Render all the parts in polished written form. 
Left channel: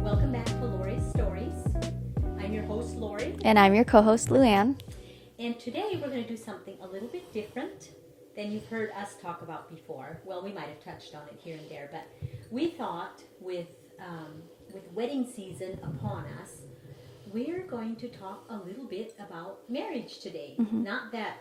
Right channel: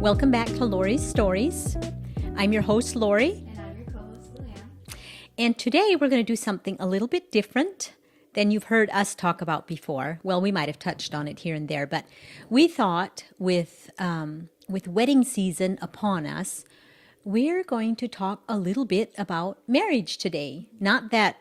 Welcome back to Laurie's Stories. I'm your host, Laurie. And I'm your co-host, Luanne. And today we're going to do something a little bit different than you've heard us talk about before. Well, we might have touched on it here and there, but we thought with wedding season upon us, we're going to talk a little bit about marriage today. Mm-hmm. Not that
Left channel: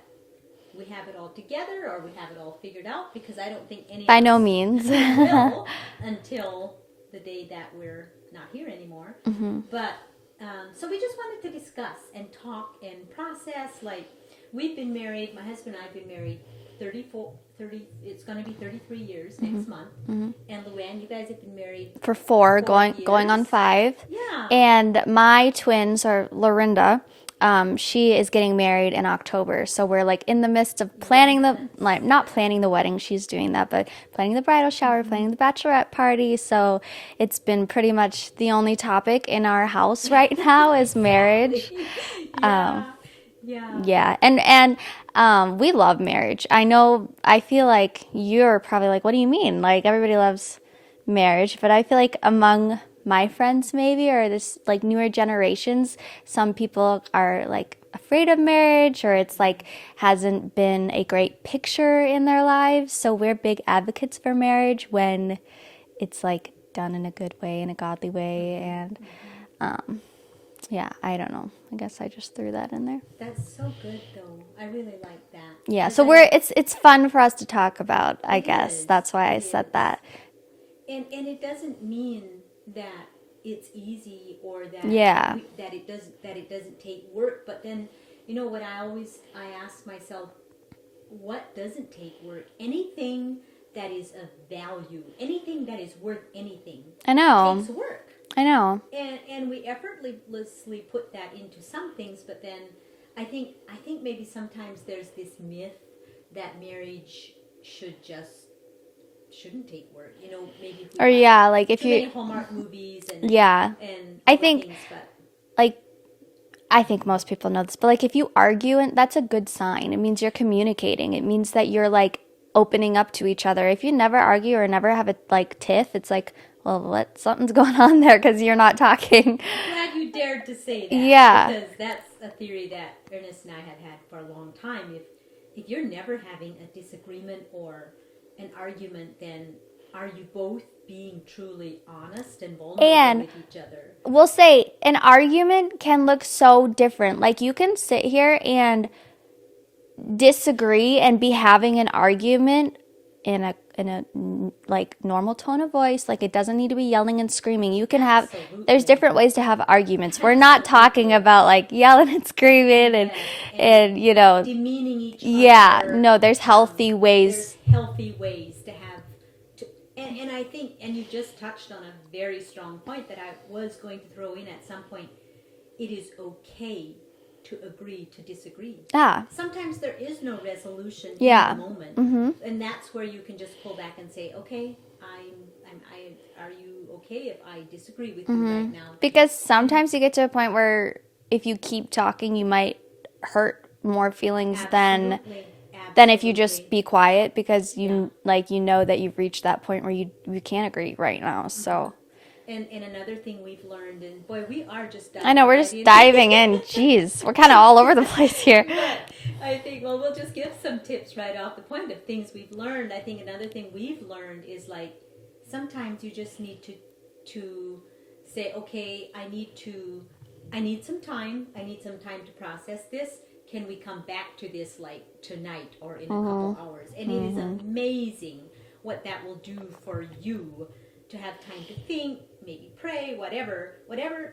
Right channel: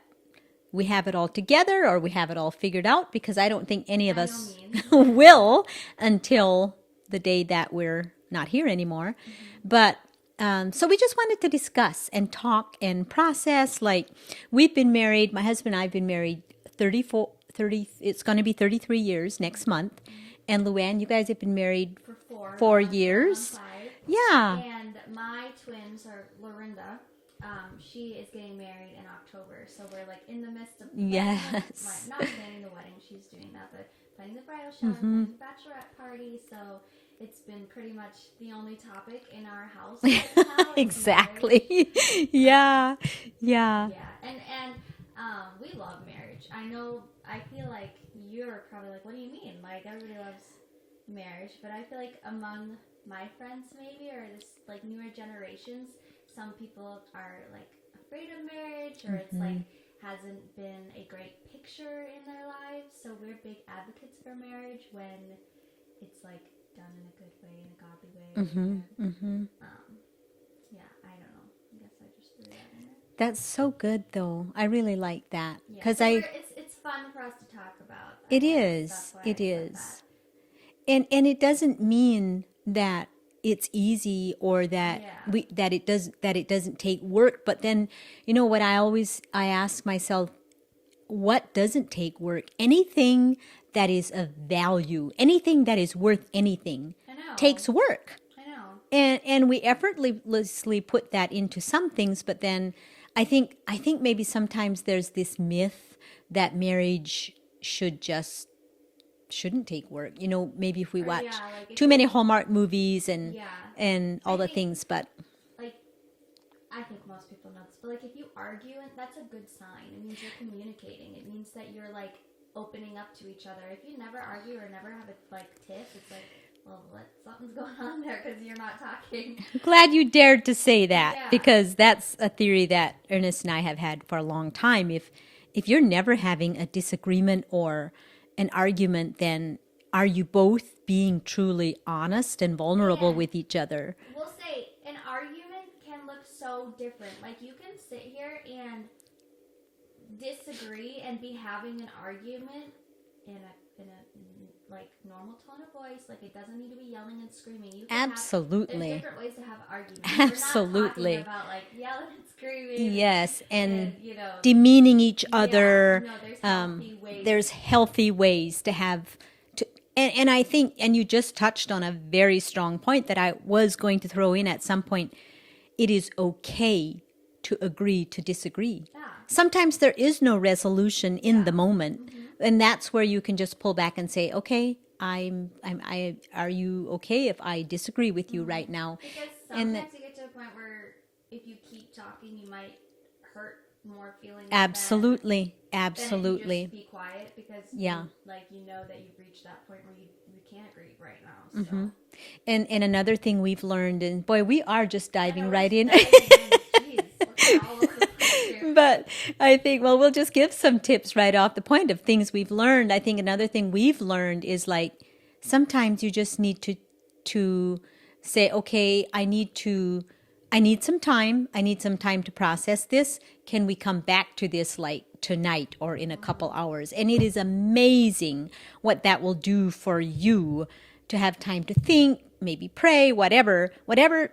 we have it all together or we have it all figured out, because I don't think any of us by no means will until the day that we're not here anymore. Mm-hmm. But so we just wanted to discuss and talk and process. Like, we've been married, my husband and I have been married 30, it's going to be 33 years next month. Mm-hmm. And Luanne, you guys have been married for four years. Going on 5. Yeah. And my twins are Lorinda. She is getting married in October. So we're like in the midst of planning not planning the wedding, she's doing that, but planning the bridal shower, mm-hmm. planning the bachelorette party. So it's been pretty much the only topic in our house right now is marriage. Yeah. Yeah. And we love marriage. I feel like you're probably like, what do you mean? Like, everybody loves marriage, but I feel like among my friends maybe, or this like newer generations, some people are like afraid of marriage, or it's like hasn't been a great picture in their lives. So we're big advocates for marriage when it's like done in a good way, in a godly way. Mm-hmm. And yeah, I don't know. I guess I just threw that in there. That's so good, though. I really like that. Yeah, so it's fun for us to talk about, I guess. That's why I said that. And it doesn't mean that it's easy or that that it doesn't take work. But then, you know what, I ask myself, what doesn't take work? Anything that is of value, anything that is worth anything, I know, takes work. I know. And we effortlessly put that into some things, but then I think maybe sometimes there's this myth that marriage shouldn't take work. You know, maybe if we watch too many Hallmark movies and all the things, but like, I think most people know this, but like if you argue, and that's a good sign. It means you're communicating. It means that you're like opening up to each other. If you never argue or never have a like tiff, it's like, well, something's going on there because you're not talking. Glad you dared to say that, because that's a theory that Ernest and I have had for a long time. If you're never having a disagreement or an argument, then are you both being truly honest and vulnerable with each other? We'll say an argument can look so different. Like, you can sit here and disagree and be having an argument in a like normal tone of voice. Like, it doesn't need to be yelling and screaming. You can there's different ways to have arguments. We're not talking about like yelling and screaming and you know, demeaning each other. Yeah, no, there's healthy ways. There's healthy ways to have and I think, and you just touched on a very strong point that I was going to throw in at some point. It is okay to agree to disagree. Yeah. Sometimes there is no resolution in the moment. Mm-hmm. And that's where you can just pull back and say, okay, are you okay if I disagree with you right now? Because sometimes you get to a point where if you keep talking, you might hurt more feelings than if you just be quiet, because you know that you've reached that point where you can't agree right now. So. Mm-hmm. And another thing we've learned, and boy, we are just diving I know, we're just diving in. Jeez, we're kind of all over the place here. But I think, well, we'll just give some tips right off the point of things we've learned. I think another thing we've learned is, like, sometimes you just need to say, okay, I need some time. I need some time to process this. Can we come back to this like tonight or in a couple hours? And it is amazing what that will do for you to have time to think, maybe pray, whatever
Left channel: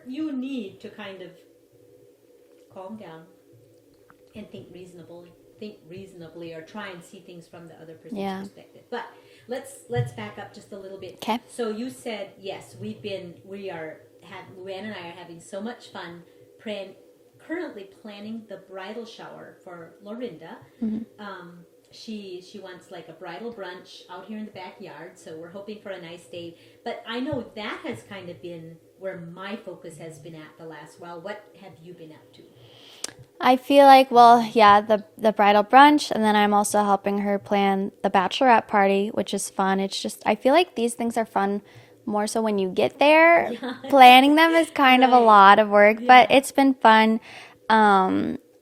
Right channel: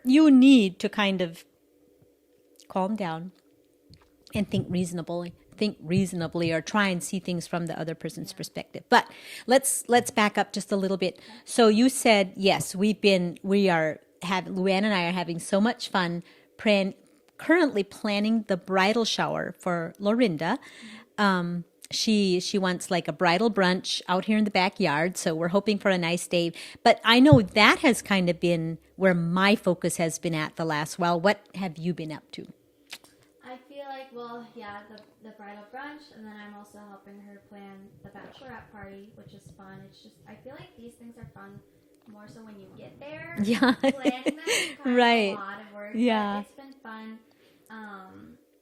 you need to kind of calm down and think reasonably, or try and see things from the other person's perspective. But let's back up just a little bit. Okay. So you said, yes, Luanne and I are having so much fun currently planning the bridal shower for Lorinda. Mm-hmm. She wants like a bridal brunch out here in the backyard, so we're hoping for a nice day. But I know that has kind of been where my focus has been at the last while. What have you been up to? I feel like, the bridal brunch, and then I'm also helping her plan the bachelorette party, which is fun. It's just, I feel like these things are fun more so when you get there. Yeah. Planning them is kind of a Right. lot of work, but Yeah. it's been fun.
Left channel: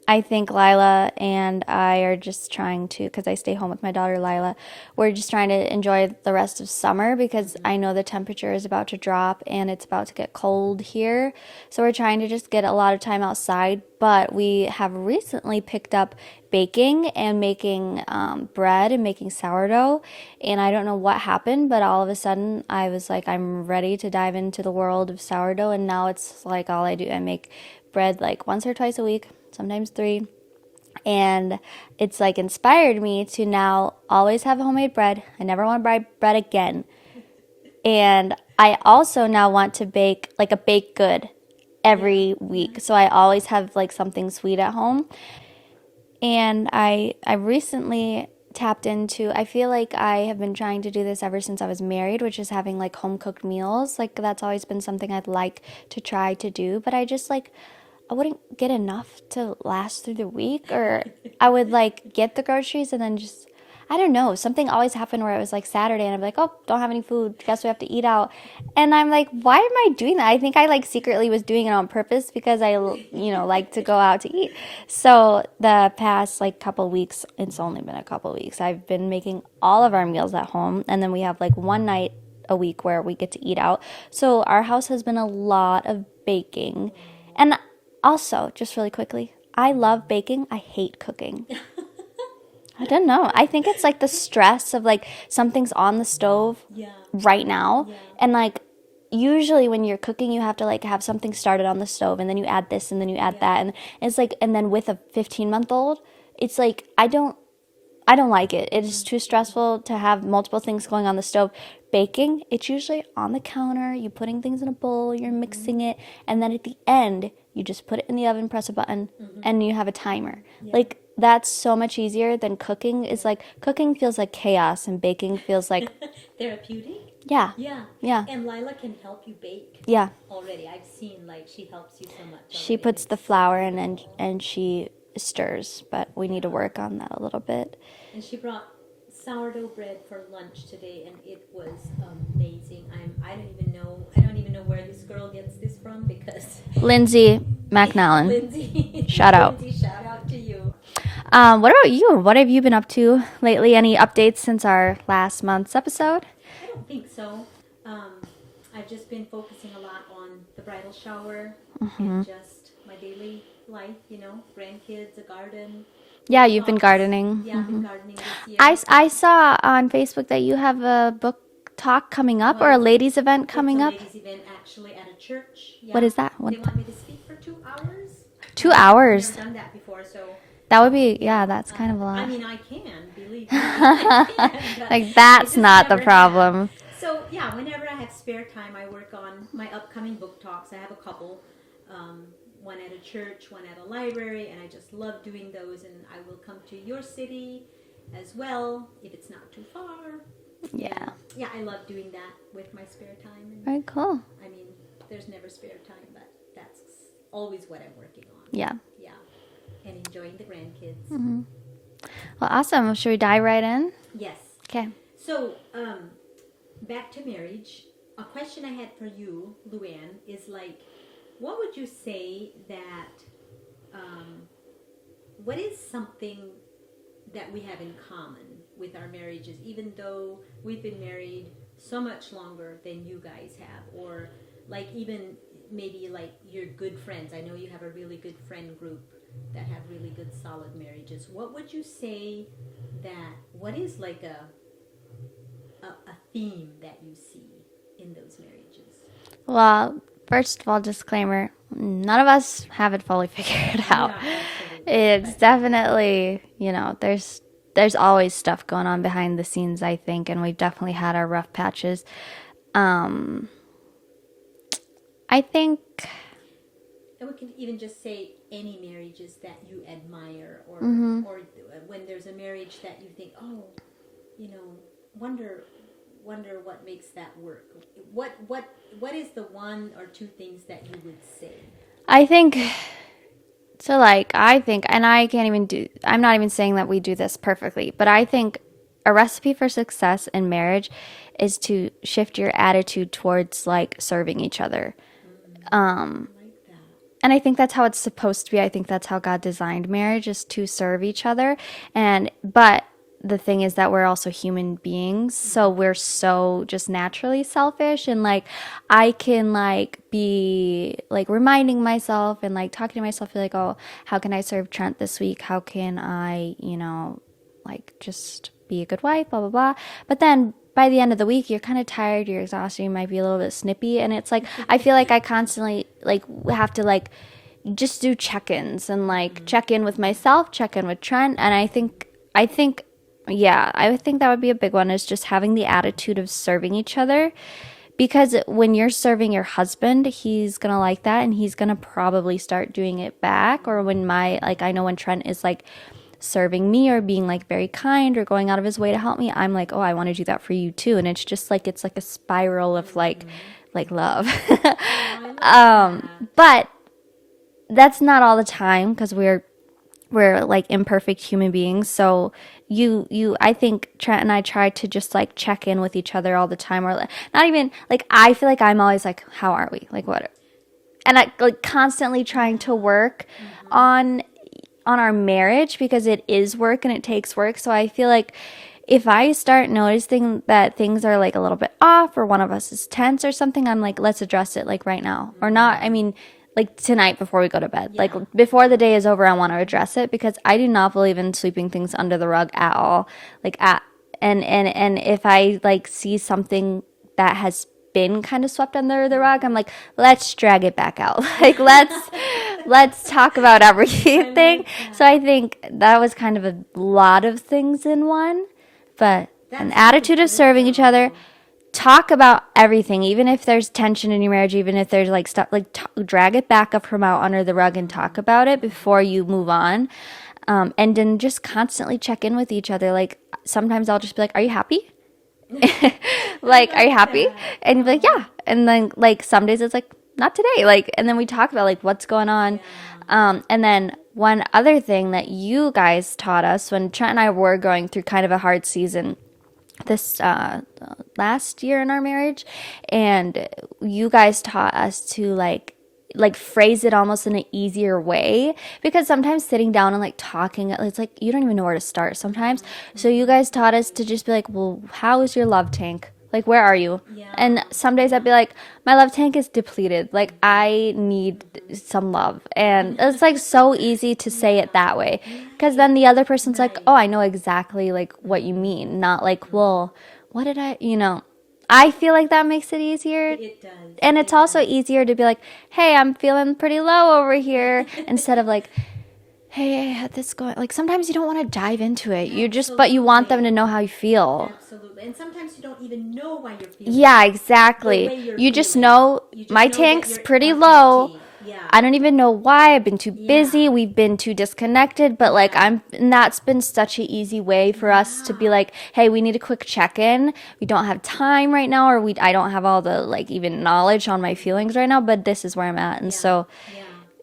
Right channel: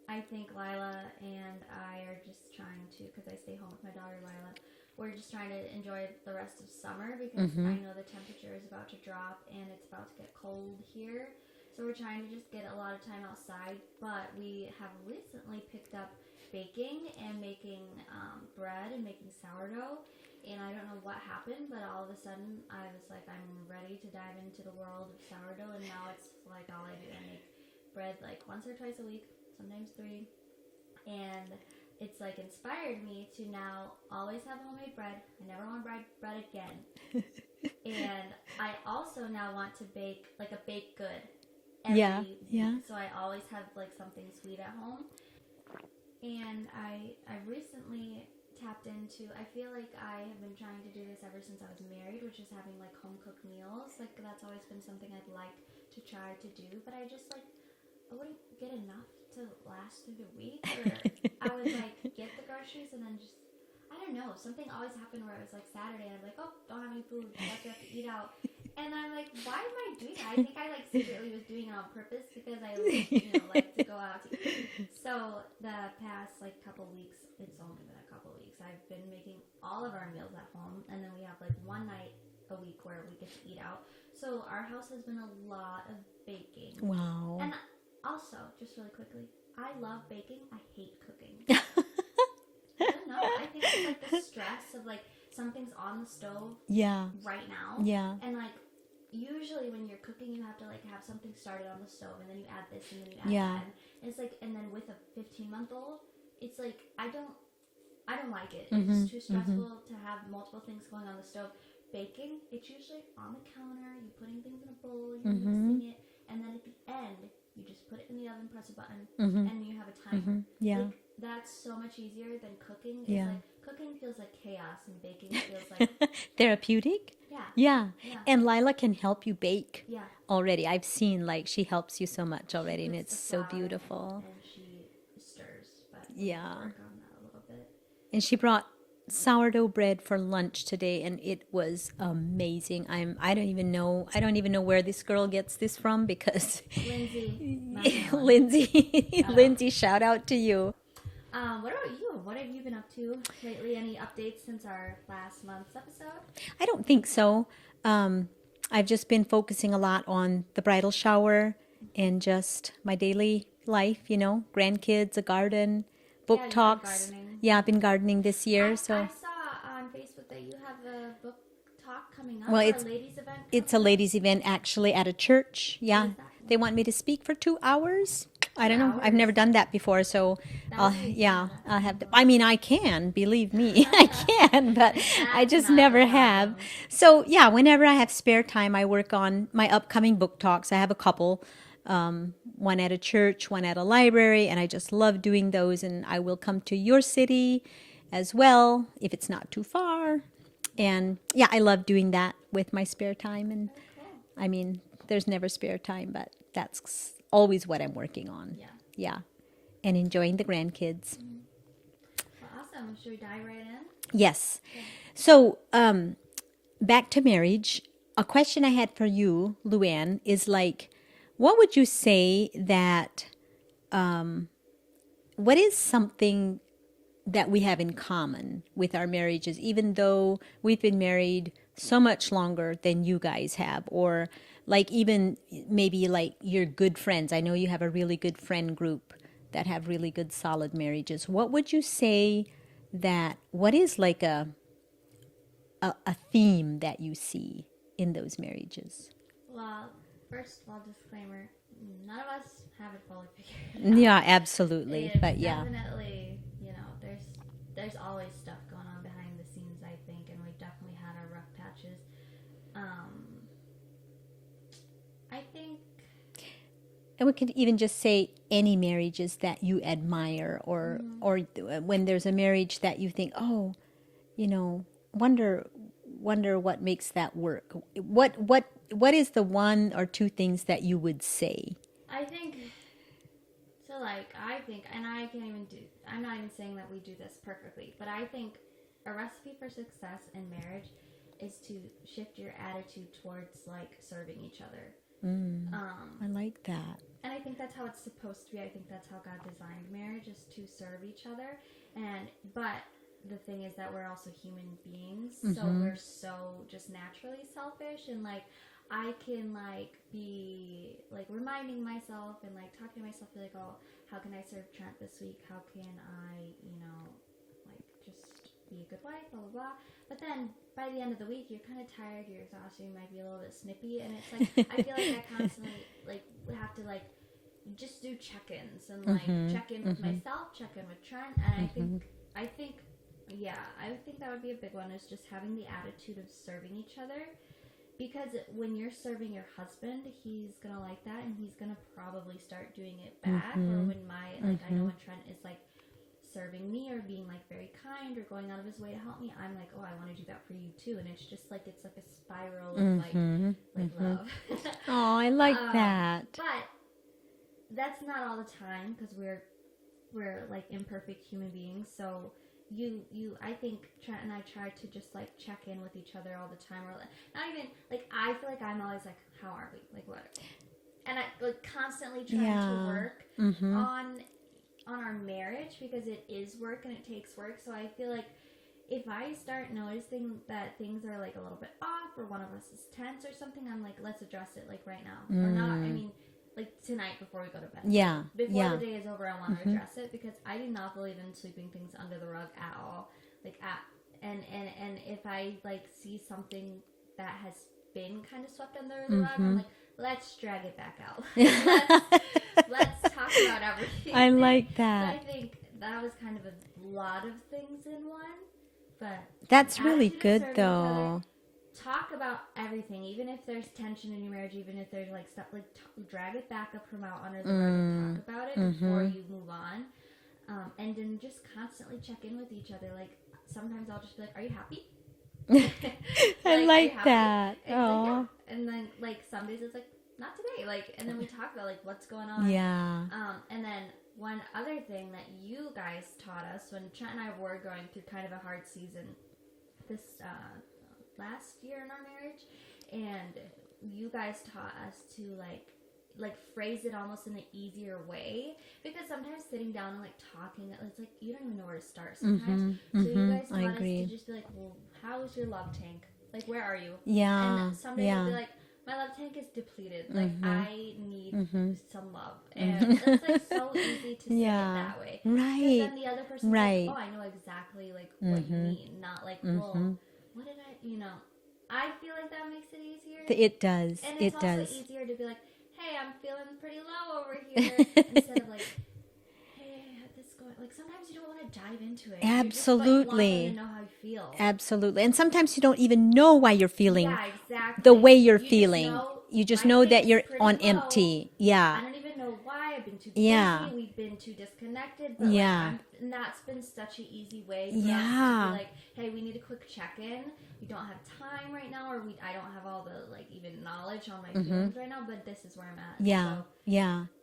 I think Lila and I are just trying to, because I stay home with my daughter Lila, we're just trying to enjoy the rest of summer because I know the temperature is about to drop and it's about to get cold here. So we're trying to just get a lot of time outside, but we have recently picked up baking and making bread and making sourdough. And I don't know what happened, but all of a sudden I was like, I'm ready to dive into the world of sourdough. And now it's like all I do. I make bread like once or twice a week, sometimes three. And it's like inspired me to now always have homemade bread. I never want to buy bread again. And I also now want to bake like a baked good every week. Yeah. So I always have like something sweet at home. And I recently tapped into, I feel like I have been trying to do this ever since I was married, which is having like home cooked meals. Like that's always been something I'd like to try to do, but I just like I wouldn't get enough to last through the week, or I would like get the groceries and then just, I don't know, something always happened where it was like Saturday and I'd be like, oh, don't have any food, guess we have to eat out. And I'm like, why am I doing that? I think I like secretly was doing it on purpose because I, like to go out to eat. So the past like couple weeks, it's only been a couple weeks, I've been making all of our meals at home, and then we have like one night a week where we get to eat out. So our house has been a lot of baking. Wow. And also, just really quickly, I love baking. I hate cooking. I don't know. I think it's like the stress of like something's on the stove Yeah. right now. Yeah. And like usually when you're cooking, you have to like have something started on the stove and then you add this and then you add Yeah. that. And it's like, and then with a 15-month-old, it's like, I don't like it. It's too stressful to have multiple things going on the stove. Baking, it's usually on the counter. You're putting things in a bowl, you're mixing it, and then at the end, you just put it in the oven, press a button, and you have a timer. Yeah. Like that's so much easier than cooking. Is Yeah. like cooking feels like chaos, and baking feels like Therapeutic? yeah, Yeah. yeah, And Lila can help you bake yeah. already. I've seen like she helps you so much already. She and puts the it's so flour in beautiful. and she stirs, but we need to Yeah. work on that a little bit. And she brought sourdough bread for lunch today, and it was amazing. I don't even know where this girl gets this from because Lindsay McNallen. Lindsay, Shout out. Lindsay, shout out to you. What about you? What have you been up to lately? Any updates since our last month's episode? I don't think so. I've just been focusing a lot on the bridal shower and just my daily life, grandkids, a garden. Book Yeah, you've been talks. gardening. Yeah, I've been gardening this year. I saw on Facebook that you have a book talk coming up, Well, or a it's- ladies event coming It's a up. ladies' event actually at a church. Yeah. What is that? They want me to speak for 2 hours. 2 I've hours? never done that before, so That would be that's I'll kind have of a to- lot. I mean, I can believe me, I can. But Like I that's just not the never problem. have. So yeah, whenever I have spare time, I work on my upcoming book talks. I have a couple. One at a church, one at a library, and I just love doing those. And I will come to your city as well if it's not too far. And yeah, I love doing that with my spare time. And Very cool. I mean, there's never spare time, but that's always what I'm working on. Yeah. Yeah. And enjoying the grandkids. Well, awesome. Should we dive right in? Yes. Okay. So, back to marriage. A question I had for you, Luanne, is like, what would you say that, what is something that we have in common with our marriages, even though we've been married so much longer than you guys have, or like even maybe like your good friends? I know you have a really good friend group that have really good solid marriages. What would you say what is like a theme that you see in those marrires? Well, first of all, disclaimer: none of us have it fully figured out. Yeah, absolutely. It's But yeah. definitely, there's always stuff going on behind the scenes, I think, and we've definitely had our rough patches. I think, And we could even just say any marriages that you admire, or when there's a marriage that you think, oh, wonder what makes that work. What is the one or two things that you would say? I think, and I can't even I'm not even saying that we do this perfectly, but I think a recipe for success in marriage is to shift your attitude towards like serving each other. I like that. And I think that's how it's supposed to be. I think that's how God designed marriage, is to serve each other. But the thing is that we're also human beings, so we're so just naturally selfish, and like I can like be like reminding myself and like talking to myself like, oh, how can I serve Trent this week? How can I, like just be a good wife, blah blah blah. But then by the end of the week, you're kind of tired, you're exhausted, you might be a little bit snippy, and it's like I feel like I constantly like have to like just do check-ins and like check in with myself, check in with Trent, and I think that would be a big one, is just having the attitude of serving each other. Because when you're serving your husband, he's going to like that, and he's going to probably start doing it back. Or when I know when Trent is like serving me or being like very kind or going out of his way to help me, I'm like, oh, I want to do that for you too. And it's just like, it's like a spiral of like love. Oh, I like that. But that's not all the time, because we're like imperfect human beings. So I think Trent and I try to just like check in with each other all the time, or not even like, I feel like I'm always like, how are we? Like what? And I like constantly trying to work on our marriage, because it is work and it takes work. So I feel like if I start noticing that things are like a little bit off, or one of us is tense or something, I'm like, let's address it like right now. Or not, I mean, like tonight before we go to bed. Yeah. Like before the day is over, I want to address it, because I do not believe in sweeping things under the rug at all. Like and if I like see something that has been kind of swept under the rug, I'm like, let's drag it back out. Like let's talk about everything. like that. So I think that was kind of a lot of things in one, but That's an really attitude of good, serving each other. though. Talk about everything, even if there's tension in your marriage, even if there's like stuff, like drag it back up from out under the rug and talk about it before you move on. And then just constantly check in with each other. Like sometimes I'll just be like, are you happy? Like, are you happy? that. And you'll be like, yeah. And then like some days it's like, not today. Like, and then we talk about like what's going on. Yeah. And then one other thing that you guys taught us when Trent and I were going through kind of a hard season this last year in our marriage, and you guys taught us to like phrase it almost in an easier way, because sometimes sitting down and like talking, it's like you don't even know where to start sometimes. So you guys taught us to just be like, well, how is your love tank? Like, where are you? Yeah. And some days I'd be like, my love tank is depleted. Like, I need some love. And it's like so easy to say it that way. Because then the other person's like, Right. oh, I know exactly like what you mean. Not like, well, what did I feel like that makes it easier. It does. And it's It also does. easier to be like, hey, I'm feeling pretty low over here, instead of like, hey, I had this going. Like sometimes you don't want to dive into it. But you want them to Absolutely. know how you feel. Absolutely. And sometimes you don't even know why you're feeling Yeah, exactly. the way you're you feeling. just know You just my know that tank's you're pretty on low. empty. Yeah. I don't even know why. I've been too busy. Yeah. We've been too disconnected. But like Yeah. and that's been such an easy way for us to be Yeah. like, hey, we need a quick check-in. We don't have time right now, or I don't have all the like even knowledge on my feelings right now, but this is where I'm at. And so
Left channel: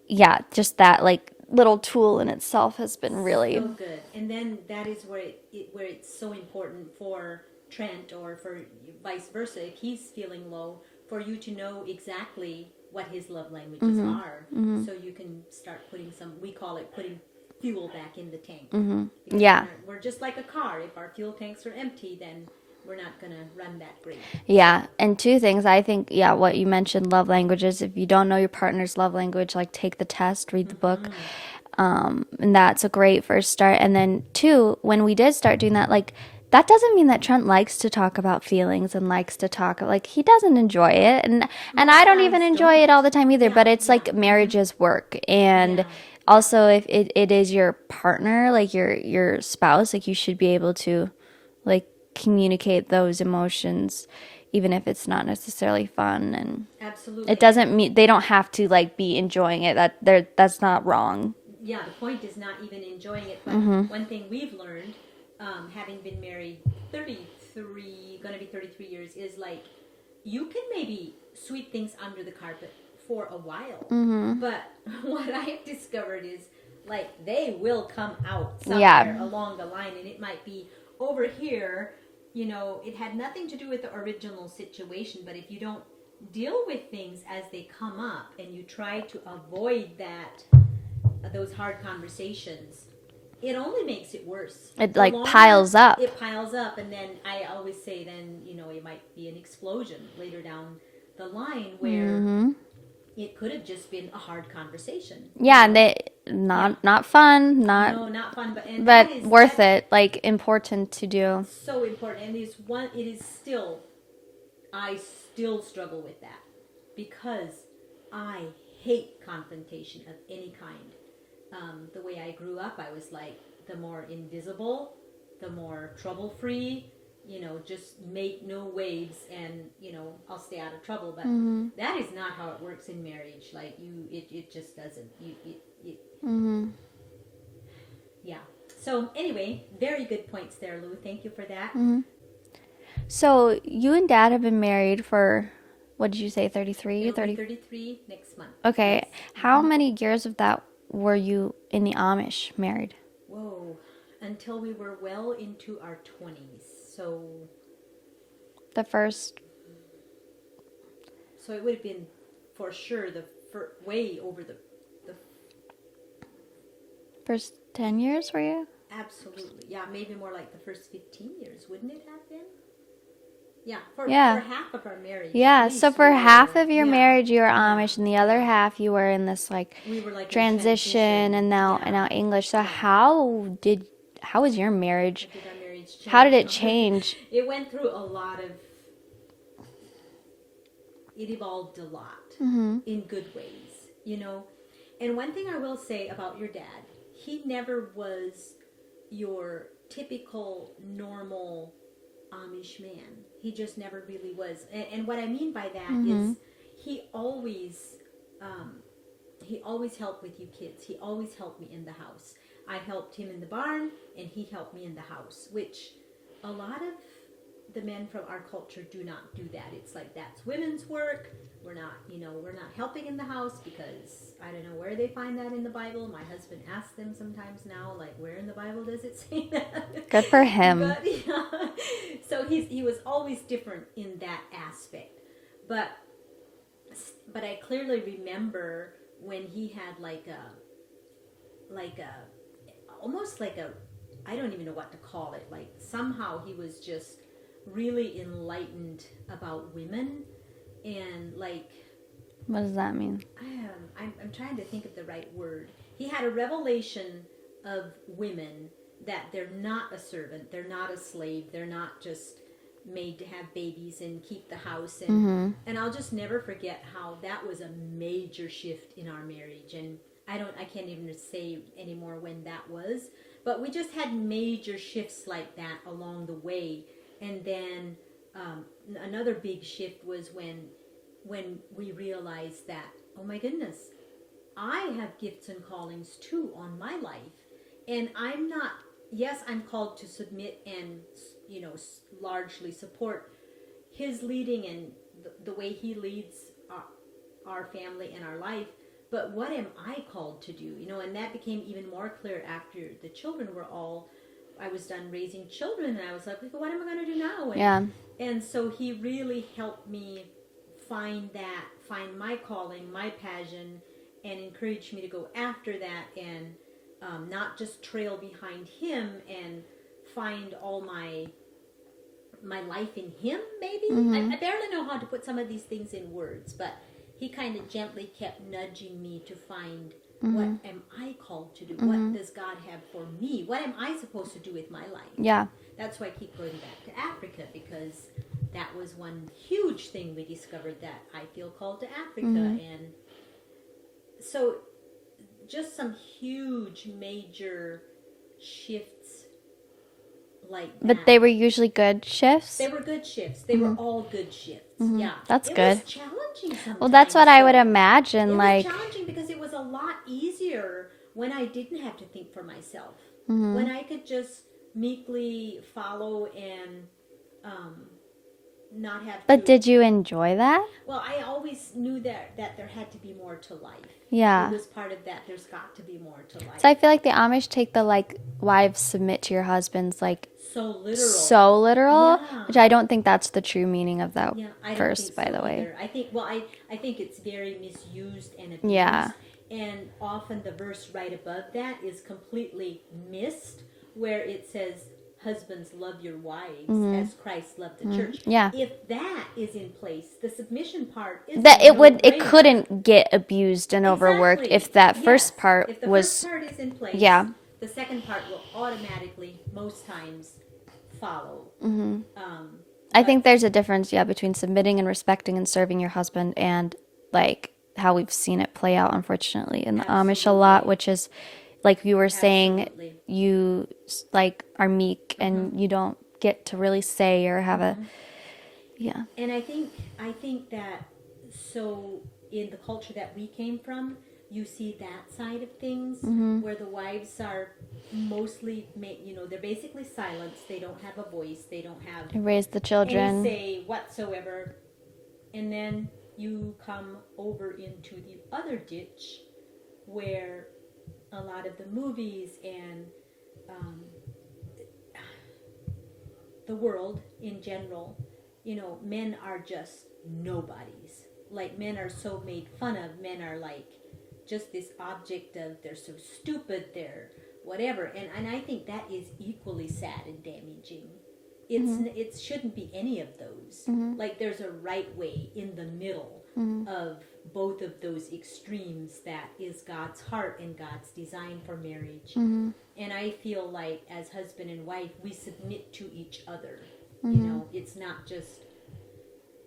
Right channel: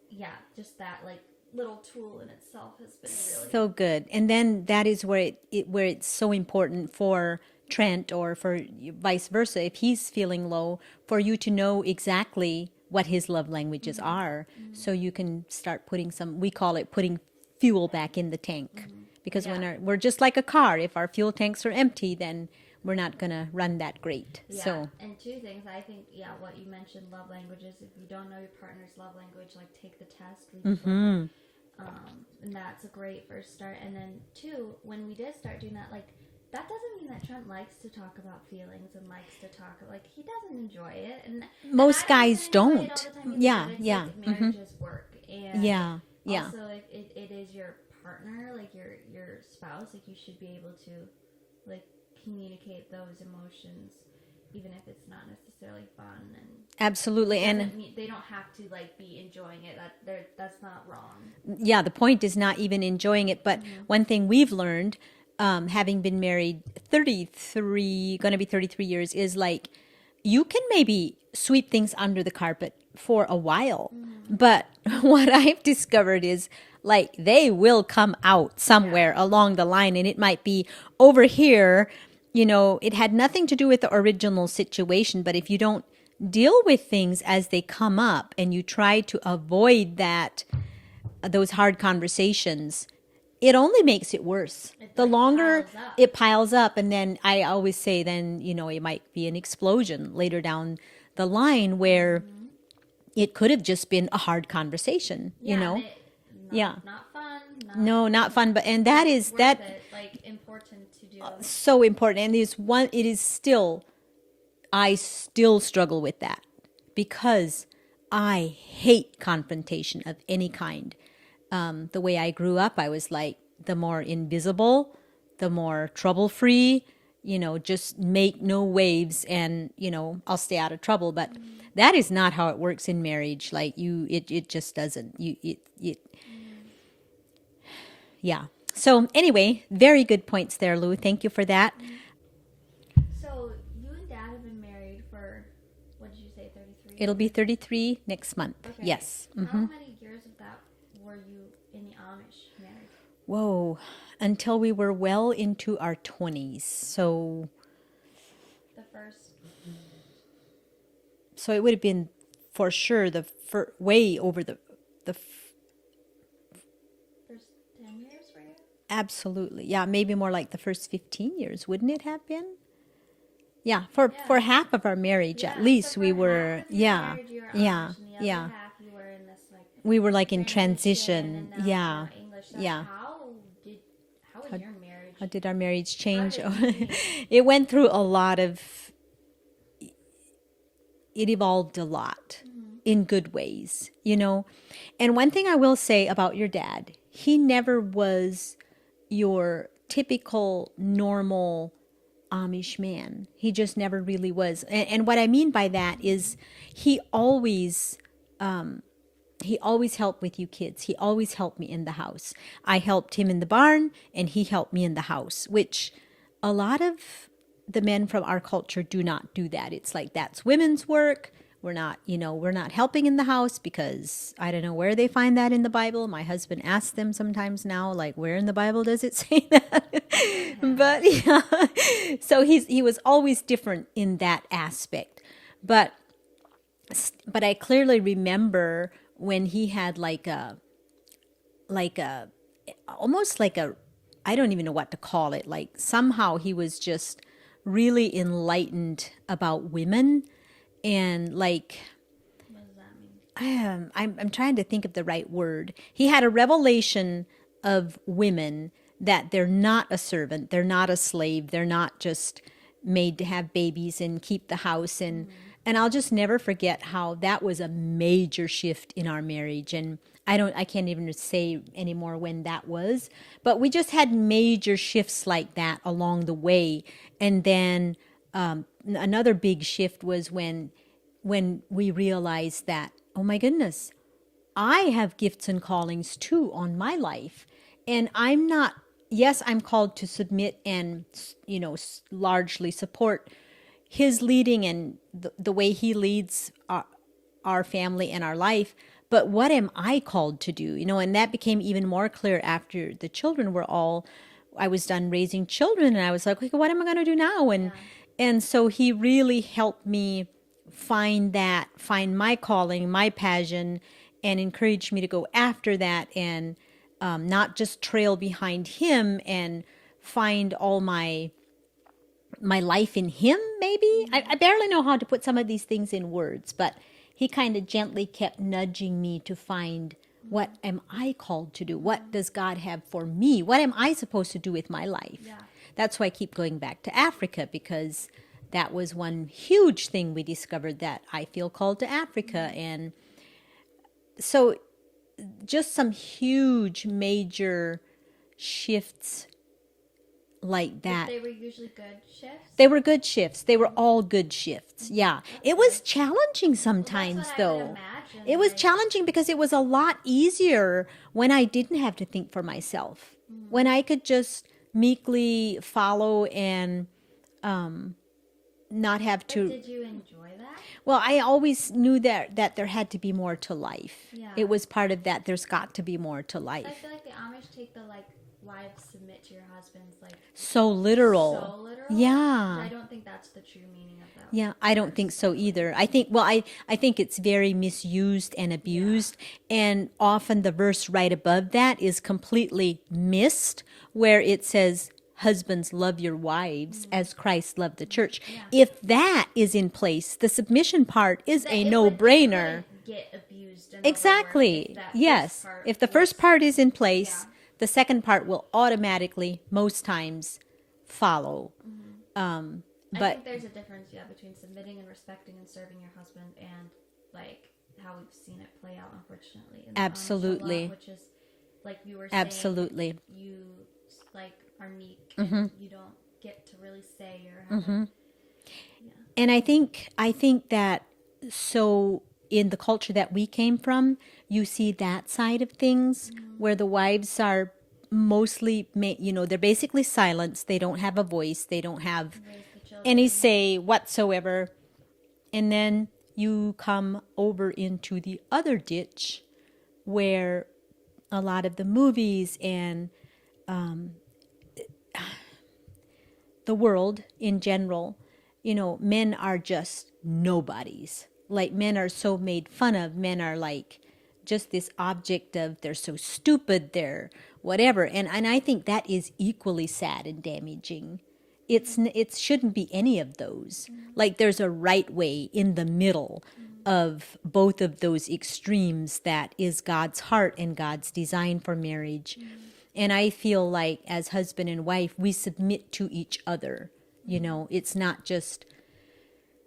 yeah, just that like little tool in itself has been really so good. And then that is where where it's so important for Trent, or for vice versa, if he's feeling low, for you to know exactly what his love languages are, so you can start putting we call it putting fuel back in the tank. Because we're just like a car. If our fuel tanks are empty, then we're not gonna run that great. Yeah. So, And two things, I think, what you mentioned, love languages. If you don't know your partner's love language, like take the test, read the book. And that's a great first start. And then two, when we did start doing that, like that doesn't mean that Trent likes to talk about feelings and likes to talk like he doesn't enjoy it. And I don't even guys enjoy it all the don't. time either, Yeah, but it's yeah. like marriage is work. And Yeah, also if it is your partner, like your spouse, like you should be able to like communicate those emotions, even if it's not necessarily fun. And absolutely. it doesn't mean they don't have to like be enjoying it. That's not wrong. Yeah, the point is not even enjoying it. But one thing we've learned, having been married 33, going to be 33 years, is like you can maybe sweep things under the carpet for a while. But what I've discovered is like they will come out somewhere along the line, and it might be over here, you know, it had nothing to do with the original situation, but if you don't deal with things as they come up and you try to avoid those hard conversations, it only makes it worse. It The like longer piles up. It piles up, and then I always say, then you know, it might be an explosion later down the line where it could have just been a hard conversation. Yeah, you know? and not fun, Not fun, but but that is worth it. Like important to do. so important. And it is still, I still struggle with that because I hate confrontation of any kind. The way I grew up, I was like, the more invisible, the more trouble-free, you know, just make no waves and, you know, I'll stay out of trouble. But that is not how it works in marriage. Like it just doesn't. Yeah. So anyway, very good points there, Lou. Thank you for that. So you and Dad have been married for, what did you say, 33? It'll be 33 next month. Okay. Yes. How many years of that were you in the Amish married? Whoa. Until we were well into our 20s. So The first. it would have been for sure way over the First 10 years were you? absolutely. Yeah, maybe more like the first 15 years, wouldn't it have been? Yeah, for Yeah. half of our marriage Yeah, at least. so for we half were- of your yeah, marriage you were yeah, Amish, and the other yeah. half you were in this like We were like in transition. and now English. So Yeah. how was your marriage? How did our marriage change? How did it change? It went through a lot of, it evolved a lot in good ways, you know. And one thing I will say about your dad, he never was your typical normal Amish man. He just never really was. And what I mean by that is he always helped with you kids. He always helped me in the house. I helped him in the barn and he helped me in the house, which a lot of the men from our culture do not do that. It's like, that's women's work. We're not helping in the house because I don't know where they find that in the Bible. My husband asks them sometimes now, like, where in the Bible does it say that? Good for him. But yeah, so he was always different in that aspect. But I clearly remember when he had almost like a, I don't even know what to call it. Like somehow he was just really enlightened about women. And like, What does that mean? I'm trying to think of the right word. He had a revelation of women, that they're not a servant, they're not a slave, they're not just made to have babies and keep the house. And I'll just never forget how that was a major shift in our marriage. And I can't even say anymore when that was, but we just had major shifts like that along the way. And then another big shift was when we realized that, oh my goodness, I have gifts and callings too on my life. And I'm not, yes, I'm called to submit and, you know, largely support his leading and the way he leads our family and our life. But what am I called to do? You know, and that became even more clear after the children were I was done raising children, and I was like, what am I going to do now? And so he really helped me find my calling, my passion, and encouraged me to go after that and not just trail behind him and find all my life in him, maybe. I barely know how to put some of these things in words, but he kind of gently kept nudging me to find, what am I called to do? What does God have for me? What am I supposed to do with my life? Yeah. That's why I keep going back to Africa, because that was one huge thing we discovered, that I feel called to Africa. And so just some huge major shifts like that. But they were usually good shifts? They were good shifts. They were all good shifts. Yeah. That's it good. was challenging sometimes. Well, that's what I would though. imagine. It like, was challenging because it was a lot easier when I didn't have to think for myself. When I could just meekly follow and not have But to. did you enjoy that? Well, I always knew that there had to be more to life. Yeah. It was part of that. There's got to be more to life. So I feel like the Amish take the like wives submit to your husbands like So literal. so literal, Yeah. which I don't think that's the true meaning of that. Yeah, I don't verse, think by so the way. either. I think it's very misused and abused. Yeah. And often the verse right above that is completely missed, where it says, husbands, love your wives as Christ loved the church. Yeah. If that is in place, the submission part is That a it no-brainer. couldn't get abused and overworked Exactly. if that Yes. first part If the was, first part is in place, Yeah. the second part will automatically, most times, follow. I But- think there's a difference, yeah, between submitting and respecting and serving your husband and like how we've seen it play out, unfortunately, in the Amish a lot, Absolutely. which is like you were saying, Absolutely. you like are meek and you don't get to really say or have a, yeah. And I think that, so in the culture that we came from, you see that side of things where the wives are mostly, they're basically silenced. They don't have a voice. They don't have Raise the children. any say whatsoever. And then you come over into the other ditch where a lot of the movies and the world in general, men are just nobodies. Like, men are so made fun of. Men are like just this object of, they're so stupid, they're whatever. And I think that is equally sad and damaging. It shouldn't be any of those. Like, there's a right way in the middle of both of those extremes that is God's heart and God's design for marriage. And I feel like as husband and wife, we submit to each other. It's not just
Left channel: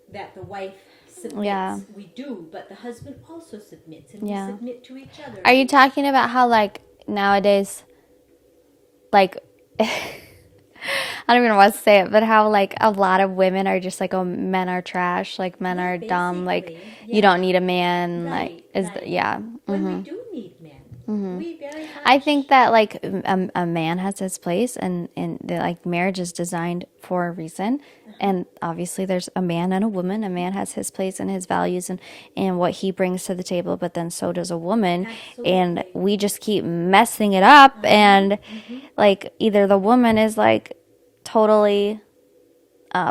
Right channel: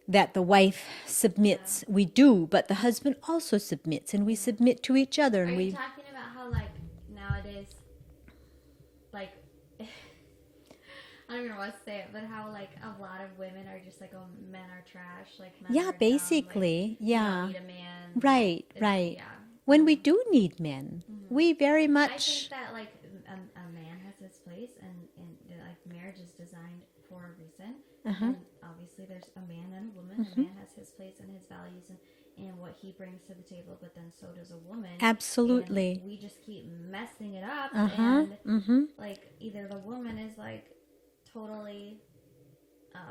that the wife submits. Yeah. We do, but the husband also submits, and we Yeah. submit to each other. Are you talking about how like nowadays, like, I don't even know what to say it, but how like a lot of women are just like, oh, men are trash, like men Yeah, are dumb, like basically, you don't yeah. need a man, Right, like, right. yeah. When we do need men, we very much. I think that like a man has his place, and like marriage is designed for a reason, and obviously there's a man and a woman. A man has his place and his values and what he brings to the table, but then so does a woman. Absolutely. And we just keep messing it up, and like either the woman is like totally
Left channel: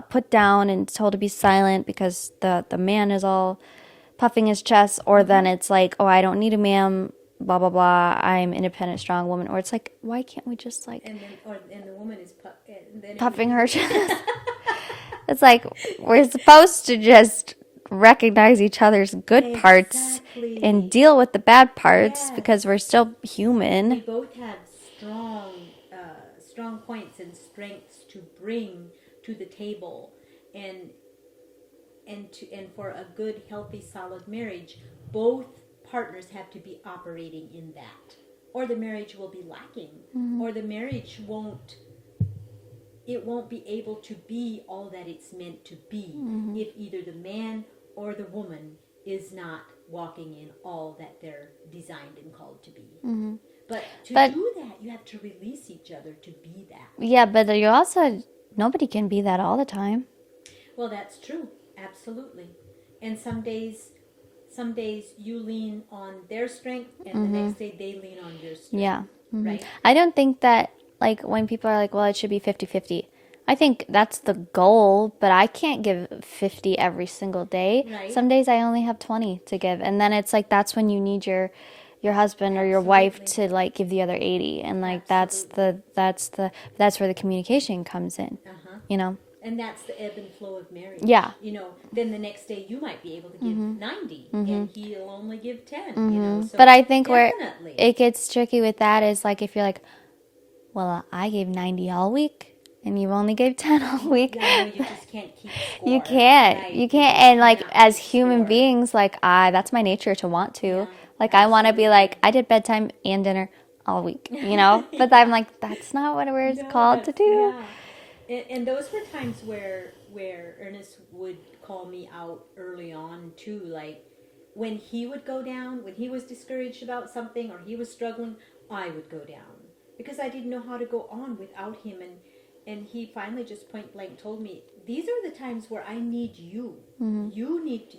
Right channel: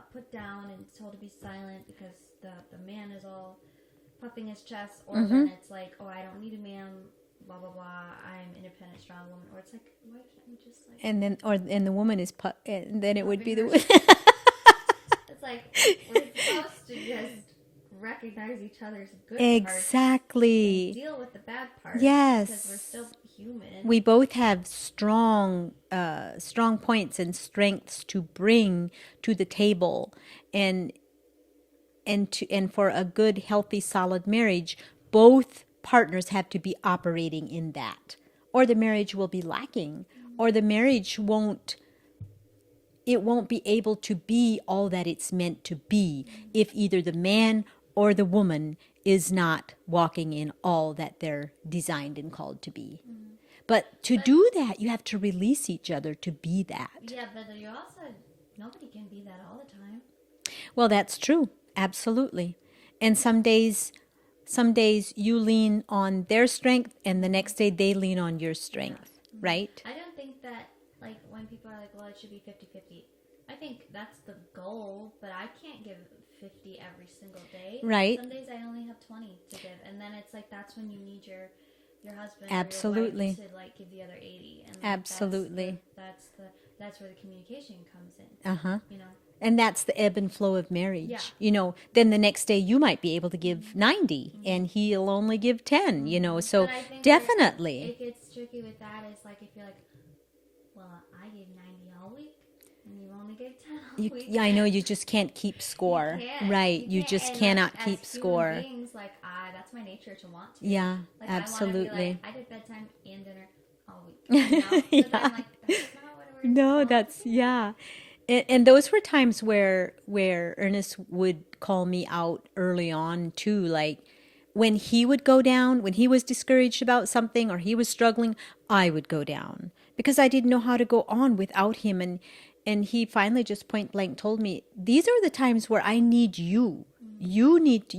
put down and told to be silent because the man is all puffing his chest, or then it's like, oh, I don't need a man, blah blah blah, I'm independent, strong woman. Or it's like, why can't we just like and the woman is and then it would puffing be her chest? It's like we're supposed to just recognize each other's good parts Exactly. and deal with the bad parts Yes. because we're still human. We both have strong points and strengths to bring to the table, and for a good, healthy, solid marriage, both partners have to be operating in that, or the marriage will be lacking, or the marriage won't be able to be all that it's meant to be if either the man or the woman is not walking in all that they're designed and called to be. But to do that, you have to release each other to be that. Yeah, but you also, nobody can be that all the time. Well, that's true. Absolutely. And some days you lean on their strength, and the next day they lean on your strength. Yeah. Right? I don't think that, like, when people are like, well, it should be 50-50. I think that's the goal, but I can't give 50 every single day. Right. Some days I only have 20 to give. And then it's like, that's when you need your husband or your wife Absolutely. to like give the other 80. And like, Absolutely. that's where the communication comes in, you know? And that's the ebb and flow of marriage. Yeah. Then the next day you might be able to give 90 and he'll only give 10, so But I think definitely. where it gets tricky with that is like, if you're like, well, I gave 90 all week and you only gave 10 all week. Yeah, I know, you just can't keep score. You can't. Right. You can't. just And like cannot as keep human score. beings, like that's my nature to want to. Yeah, like I want to be like, absolutely. I did bedtime and dinner all week, But I'm like, that's not what we're called to do. Yeah. And those were times where Ernest would call me out early on too, like when he would go down, when he was discouraged about something or he was struggling, I would go down because I didn't know how to go on without him. and he finally just point blank told me, these are the times where I need you. You need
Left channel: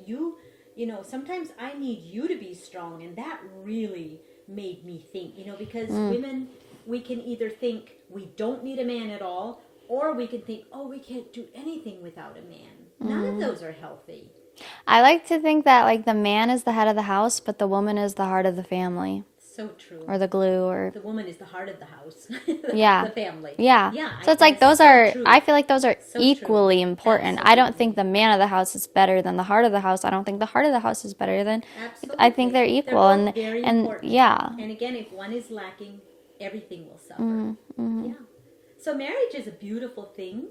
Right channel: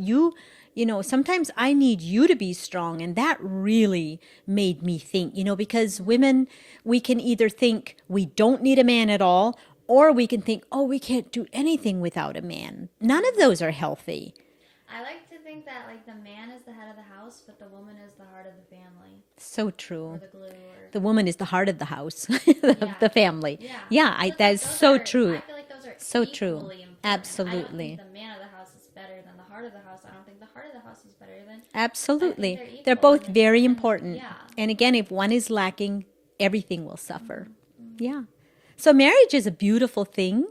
you know, sometimes I need you to be strong. And that really made me think, you know, because women, we can either think we don't need a man at all, or we can think, oh, we can't do anything without a man. None of those are healthy. I like to think that like the man is the head of the house, but the woman is the heart of the family, So true. or the glue, or The woman is the heart of the house, yeah, the family. yeah, Yeah. So it's like those so are. true. I feel like those are So true. equally important. I don't think Absolutely. the man of the house is better than the heart of the house. I don't think the heart of the house is better than. Absolutely. I think they're equal. They're both and, very and, important. Yeah. And again, if one is lacking, everything will suffer. Yeah. So marriage is a beautiful thing.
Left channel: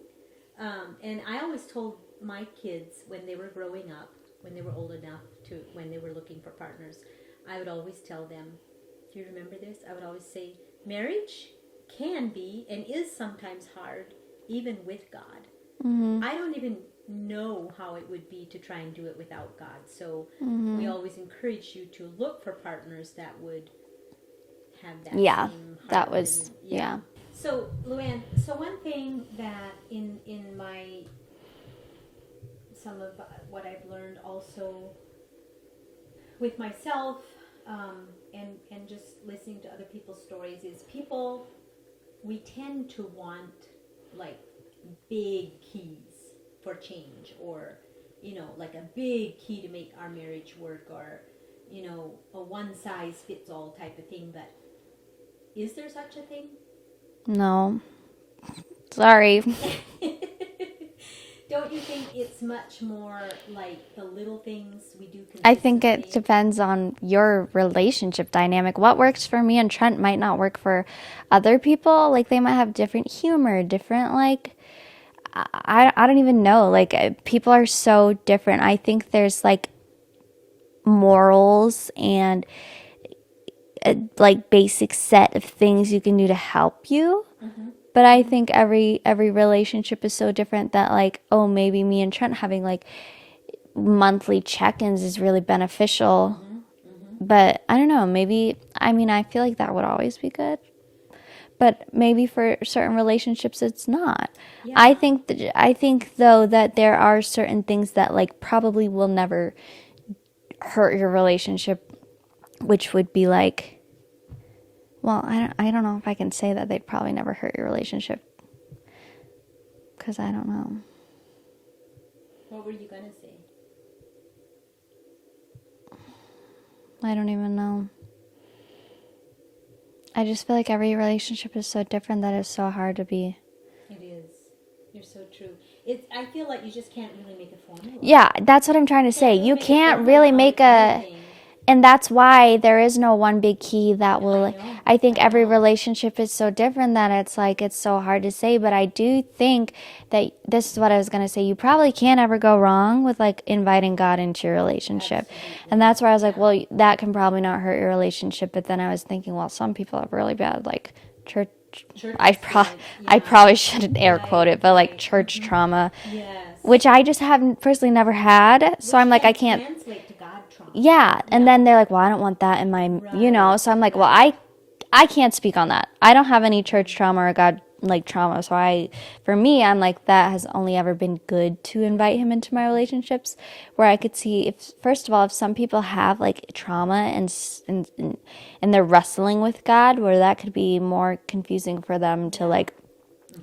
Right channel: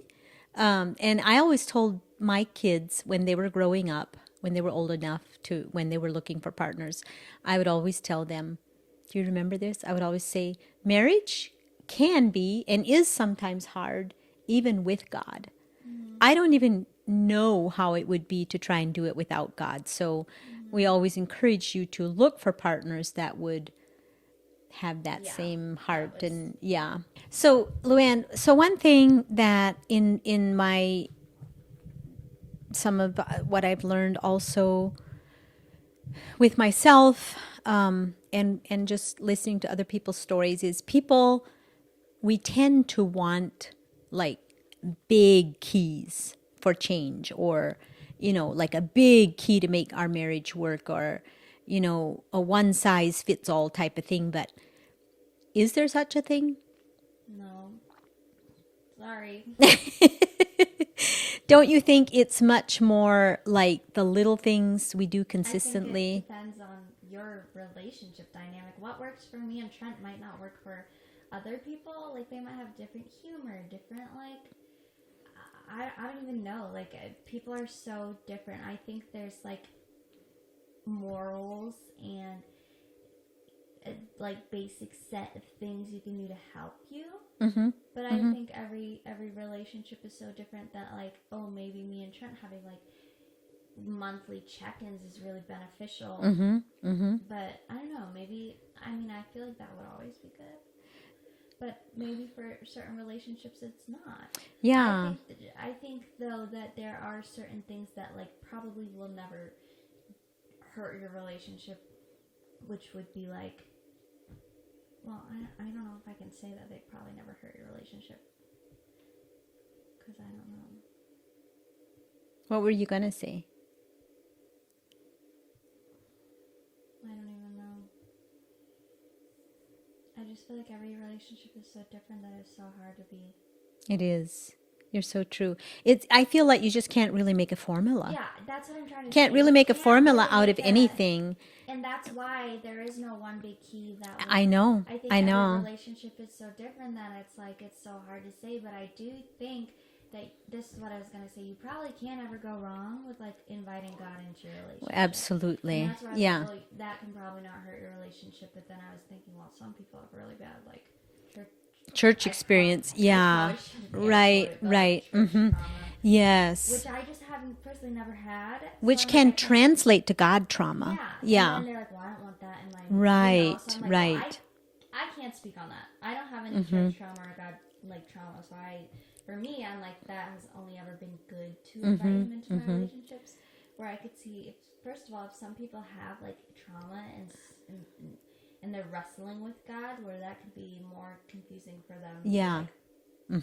And I always told my kids when they were growing up, when they were old enough to, when they were looking for partners, I would always tell them, do you remember this? I would always say, marriage can be and is sometimes hard, even with God. I don't even know how it would be to try and do it without God. So we always encourage you to look for partners that would have that Yeah, same heart. that was- and, yeah. So Luanne, so one thing that in my some of what I've learned also with myself and just listening to other people's stories is people, we tend to want like big keys for change, or you know, like a big key to make our marriage work, or you know, a one size fits all type of thing. But is there such a thing? No. Sorry. Don't you think it's much more like the little things we do I consistently? think it depends on your relationship dynamic. What works for me and Trent might not work for other people. Like they might have different humor, different like I don't even know. Like people are so different. I think there's like morals and like basic set of things you can do to help you. But I think every relationship is so different that like, oh, maybe me and Trent having like monthly check-ins is really beneficial. But I don't know, maybe, I mean, I feel like that would always be good. But maybe for certain relationships it's not. Yeah. I think though that there are certain things that like probably will never hurt your relationship, which would be like, well, I don't know if I can say that they'd probably never hurt your relationship, because I don't know. What were you going to say? I don't even know. I just feel like every relationship is so different that it's so hard to be. It is. You're so true. I feel like you just can't really make a formula. Yeah, that's what I'm trying to Can't say. really You make a can't formula really out make of a anything. And that's why there is no one big key that will. I know. I think I every know. relationship is so different that it's like it's so hard to say. But I do think that this is what I was going to say. You probably can't ever go wrong with like inviting God into your relationship. Absolutely. And that's where I was like, Yeah. well, that can probably not hurt your relationship. But then I was thinking, well, some people have really bad like church Experience. I probably shouldn't air Right, quote it, but right. like church trauma, Yes. which I just haven't personally never had. So Which I'm like, can I can't translate to God trauma. yeah. And then they're like, well, I don't want that in my, you know. So I'm like, well, Right. I can't speak on that. I don't have any church trauma or God like trauma. So for me, I'm like, that has only ever been good to invite him into my relationships, where I could see if, first of all, if some people have like trauma and they're wrestling with God, where that could be more confusing for them to Yeah. like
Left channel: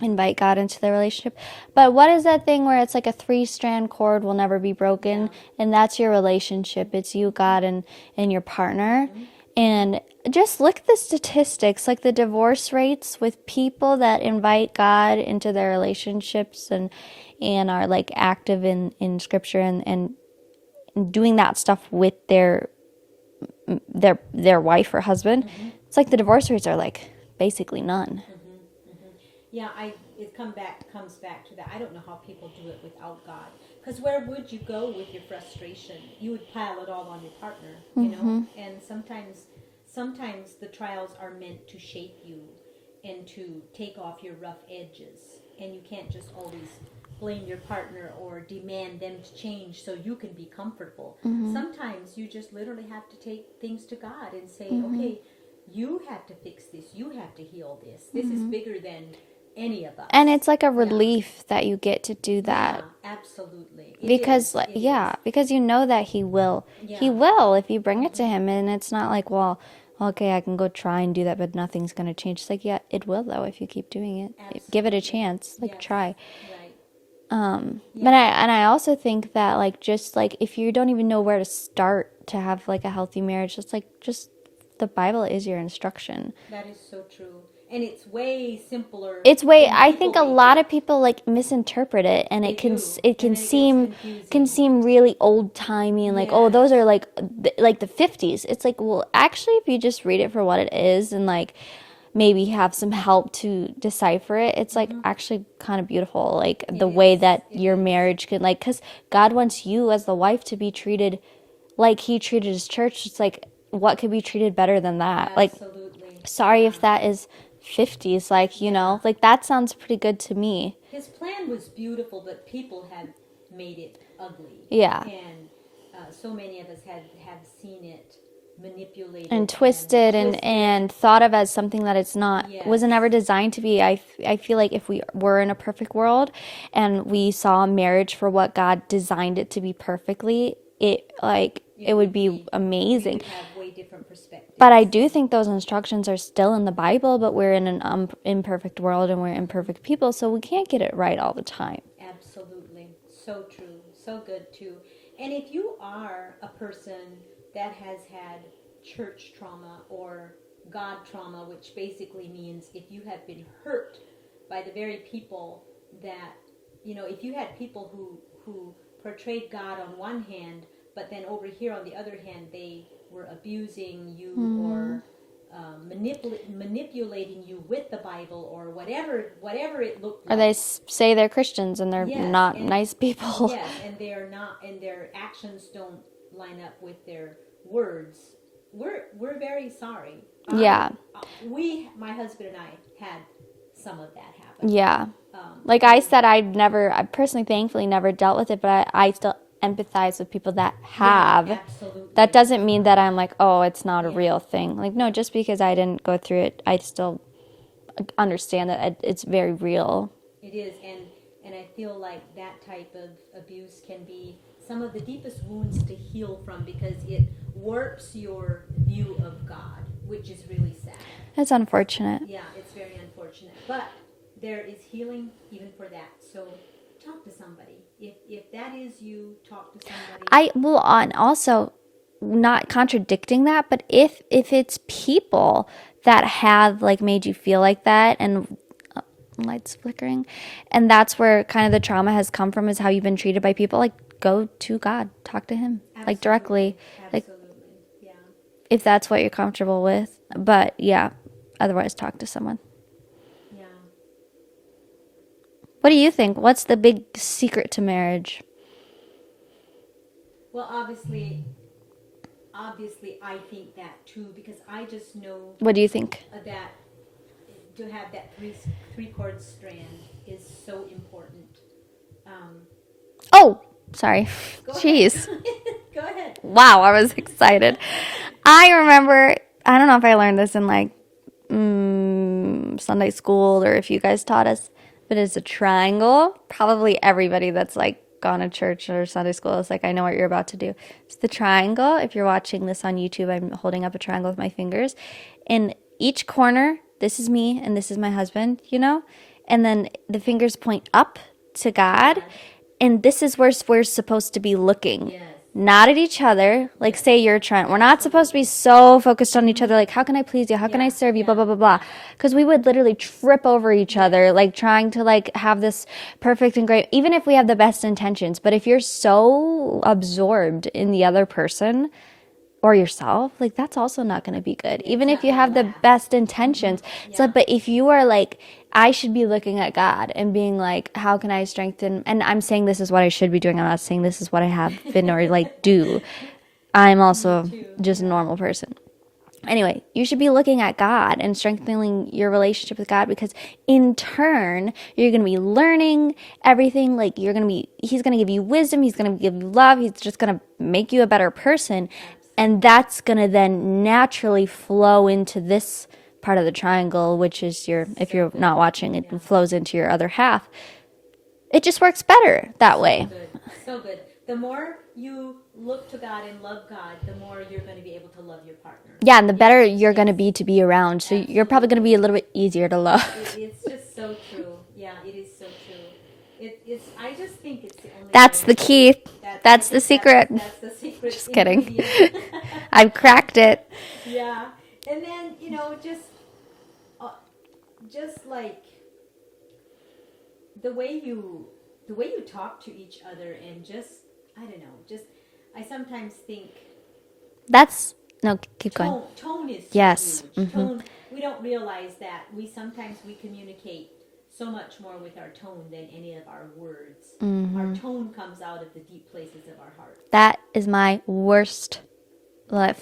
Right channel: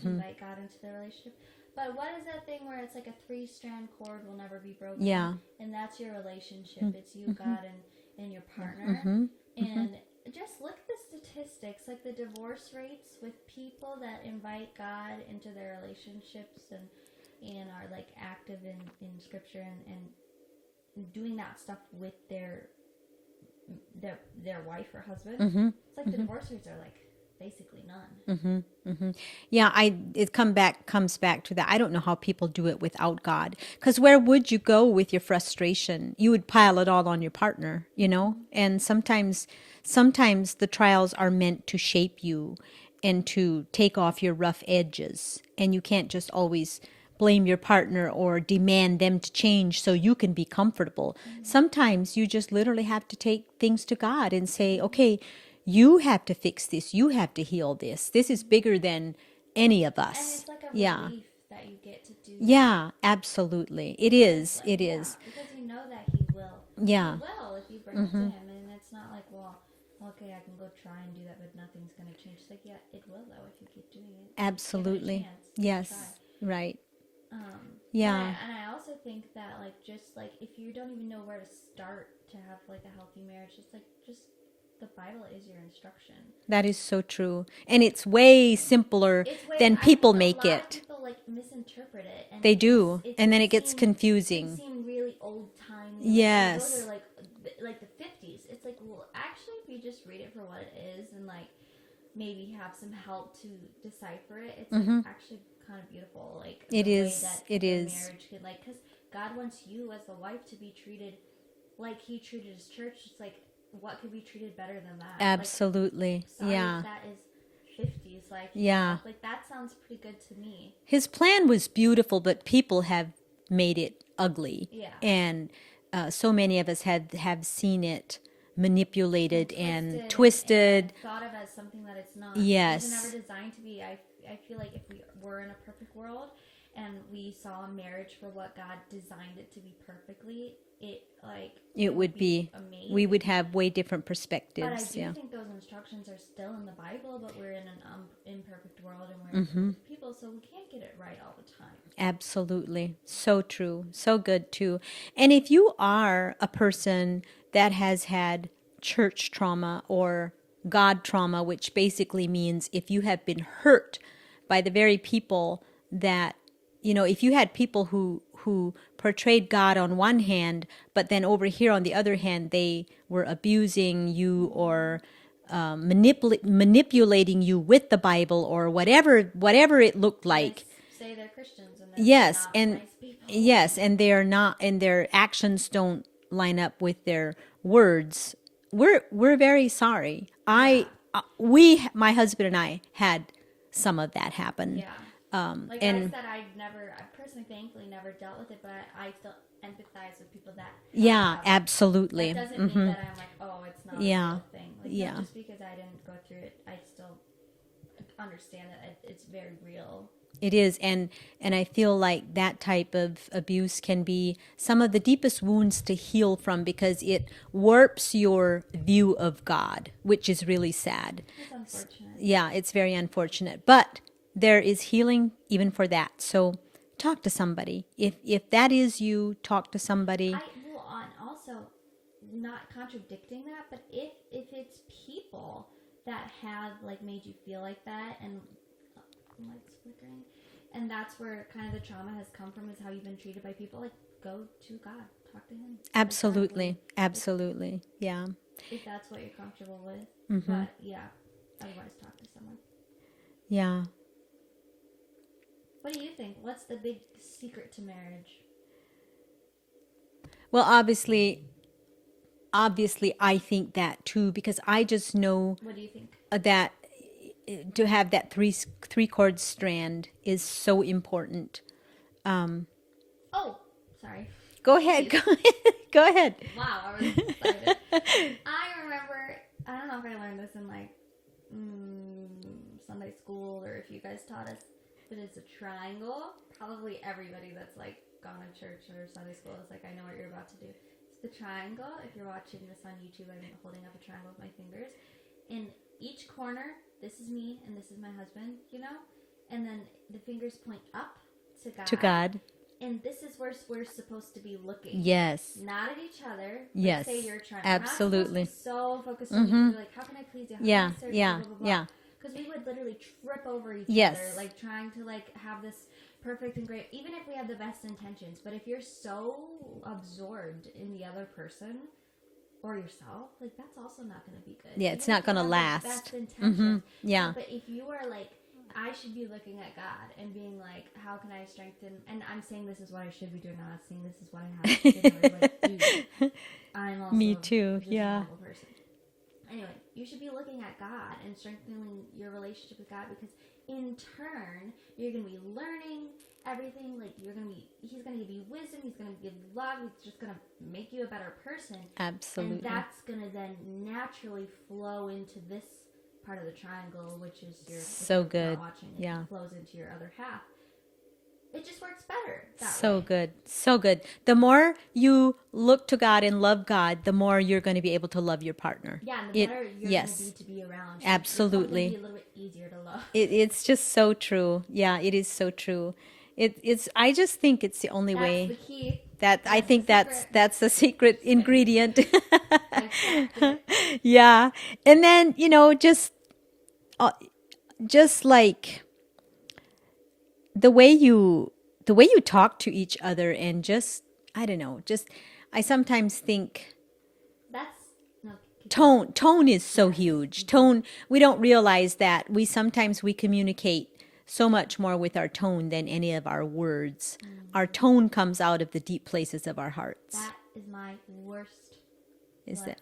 invite God into their relationship. But what is that thing where it's like a 3-strand cord will never be broken, Yeah. and that's your relationship. It's you, God, and your partner. And just look at the statistics, like the divorce rates with people that invite God into their relationships and are like active in scripture and doing that stuff with their wife or husband. It's like the divorce rates are like basically none. Yeah, it comes back to that. I don't know how people do it without God. Because where would you go with your frustration? You would pile it all on your partner, you know? And sometimes the trials are meant to shape you and to take off your rough edges. And you can't just always blame your partner or demand them to change so you can be comfortable. Sometimes you just literally have to take things to God and say, okay, you have to fix this. You have to heal this. This is bigger than any of us. And it's like a Yeah. relief that you get to do that. Yeah, absolutely. It Because is. like, It yeah, is. because you know that he will. Yeah. He will if you bring it to him, and it's not like, well, okay, I can go try and do that, but nothing's going to change. It's like, yeah, it will though if you keep doing it. Give it a Absolutely. chance. Like Yes. try. Right. But Yeah. I also think that like just like if you don't even know where to start to have like a healthy marriage, it's like just the Bible is your instruction. That is so true. And it's way simpler It's way than I people think a make lot it. of people like misinterpret it, and They it can do. it And can then it gets seem confusing. really old timey and like, oh, those Yes. are like the 50s. It's like, well, actually, if you just read it for what it is and like maybe have some help to decipher it, it's like actually kind of beautiful, like It the way is. that It your is. marriage can, like, because God wants you as the wife to be treated like he treated his church. It's like, what could be treated better than that? Like, Absolutely. sorry Yeah. if that is 50s, like, you Yeah. know, like that sounds pretty good to me. His plan was beautiful, but people have made it ugly. Yeah. And so many of us have seen it manipulated And twisted, and thought of as something that it's not. It wasn't ever Yes. designed to be. I feel like if we were in a perfect world and we saw marriage for what God designed it to be perfectly, it would be amazing. We would have way different perspectives. But I do think those instructions are still in the Bible, but we're in an imperfect world and we're imperfect people, so we can't get it right all the time. Absolutely. So true. So good too. And if you are a person that has had church trauma or God trauma, which basically means if you have been hurt by the very people that, if you had people who portrayed God on one hand, but then over here on the other hand, they were abusing you or manipulating you with the Bible or whatever it looked Or they like. say they're Christians and they're not nice people. Yes, and they're not, and their actions don't line up with their words. We're very sorry. Yeah. My husband and I had some of that happen. Yeah. I said, I personally, thankfully, never dealt with it, but I still empathize with people that have. Yeah, absolutely. That doesn't mean that I'm like, oh, it's not a Yeah. real thing. Like, no, Yeah. just because I didn't go through it, I still understand that it's very real. It is, and I feel like that type of abuse can be some of the deepest wounds to heal from because it warps your view of God, which is really sad. That's unfortunate. Yeah, it's very unfortunate, but there is healing even for that. So talk to somebody. If that is you, talk to somebody. And also not contradicting that, but if it's people that have like made you feel like that, and lights flickering, and that's where kind of the trauma has come from, is how you've been treated by people, like go to God, talk to him. Absolutely. Like directly. Absolutely. Yeah. If that's what you're comfortable with. But yeah, otherwise talk to someone. Yeah. What do you think? What's the big secret to marriage? Well, obviously I think that too, because I just know What do you think? that to have that three chord strand is so important. Oh, sorry. Go ahead. Jeez. Go ahead. Wow, I was excited. I remember, I don't know if I learned this in like Sunday school or if you guys taught us, but it's a triangle. Probably everybody that's like gone to church or Sunday school is like, I know what you're about to do. It's the triangle. If you're watching this on YouTube, I'm holding up a triangle with my fingers. In each corner, this is me and this is my husband, and then the fingers point up to God. And this is where we're supposed to be looking. Yes. Not at each other. Like, Yes. say you're trying. We're not supposed to be so focused on each other. Like, how can I please you? How can Yeah, I serve you? yeah, Blah, blah, blah, blah. yeah. Because we would literally trip over each Yes. other, like trying to like have this perfect and great, even if we have the best intentions. But if you're so absorbed in the other person or yourself, like that's also not going to be good. Yeah, even it's if not you gonna have the last. best intentions. Yeah. So, but if you are like, I should be looking at God and being like, how can I strengthen? And I'm saying this is what I should be doing. I'm not saying this is what I have been or like do. I'm also too, just a yeah. normal person. Anyway, you should be looking at God and strengthening your relationship with God, because in turn, you're going to be learning everything. Like he's going to give you wisdom. He's going to give you love. He's just going to make you a better person. Absolutely. And that's going to then naturally flow into this part of the triangle, which is your, if So you're good. not watching, it Yeah. flows into your other half. It just works better that So way. good. So good. The more you look to God and love God, the more you're going to be able to love your partner. Yeah, and the better you're going to Yes. be around. So you're probably going to Absolutely. be a little bit easier to love. It's just so true. Yeah, it is so true. It's. I just think it's the only That's way. the key. That I That's the think secret. That's the secret Just kidding. ingredient. I've cracked it. Yeah, and then just like the way you talk to each other, and just I don't know, just I sometimes think That's, no, keep going. tone is so Yes. huge. Tone, we don't realize that sometimes we communicate so much more with our tone than any of our words. Our tone comes out of the deep places of our hearts. That is my worst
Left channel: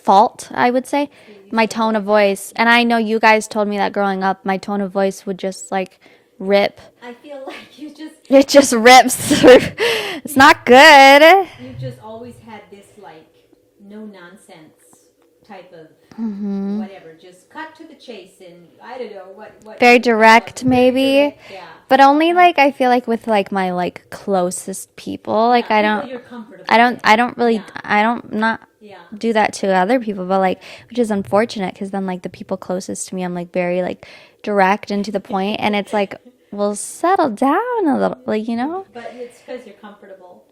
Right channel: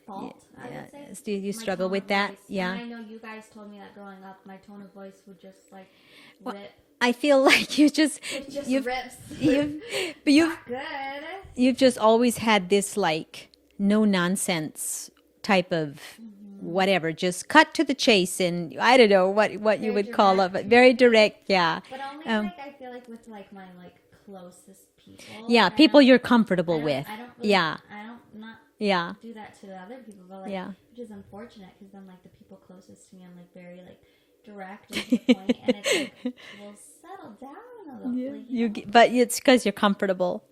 fault, I would say. You My struggle tone of with that? voice. Yeah. And I know you guys told me that growing up, my tone of voice would just like rip. I feel like It just rips through. It's not good. you've just always had this like no nonsense type of whatever, just cut to the chase, and I don't know what Very you would call direct, it, but maybe. very direct, yeah. But only like, I feel like with like my like closest people. Like Yeah, I people don't, you're comfortable I don't, with. I don't really, Yeah. I don't not Yeah. do that to other people, but like, Yeah. which is unfortunate because then like the people closest to me, I'm like very like direct and to the point, and it's like, well, settle down a little, like, you know? But it's because you're comfortable,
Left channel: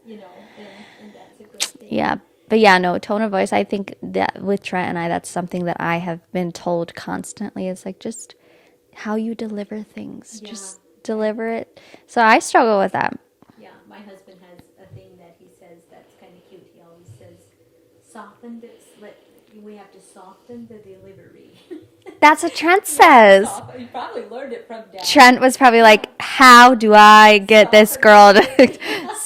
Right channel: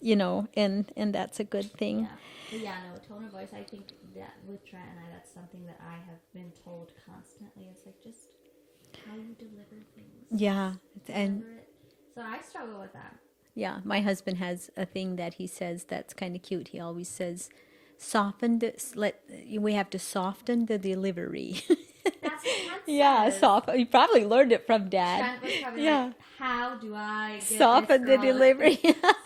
and that's a good thing. Yeah. But yeah, no, tone of voice, I think that with Trent and I, that's something that I have been told constantly is like just how you deliver things. Yeah. Just deliver it. So I struggle with that. Yeah, my husband has a thing that he says that's kind of cute. He always says, we have to soften the delivery. That's what Trent Yeah, says. you probably learned it from Dad. Trent was probably like, how do I get this Soften the girl to delivery.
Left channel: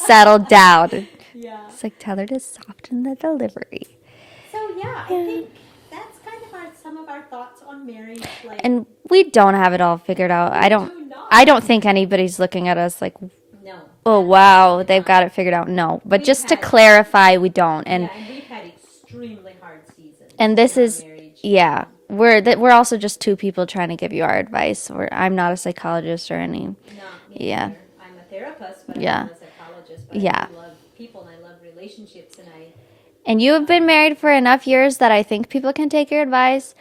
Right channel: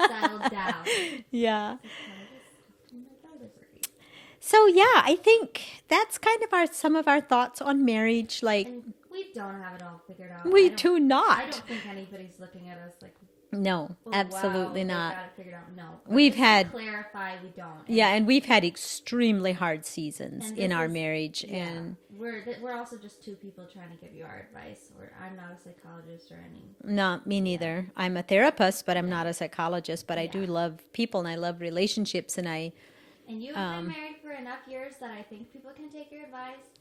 settle down? Yeah. It's like, tell her to soften the delivery. So yeah, I think that's kind of some of our thoughts on marriage. Like, And we don't have it all figured out. We I don't do not. I don't think anybody's looking at us like, no. oh wow, absolutely they've not. got it figured out. No. But We've just to had- clarify, we don't. And Yeah, and we've had extremely hard seasons and this in our is marriage. yeah, we're also just two people trying to give you our advice. I'm not a psychologist or any. Not me Yeah. neither. I'm a therapist, but I'm Yeah. not a psychologist. But I Yeah. do love people and I love relationships, and And you have been married for enough years that I think people can take your advice.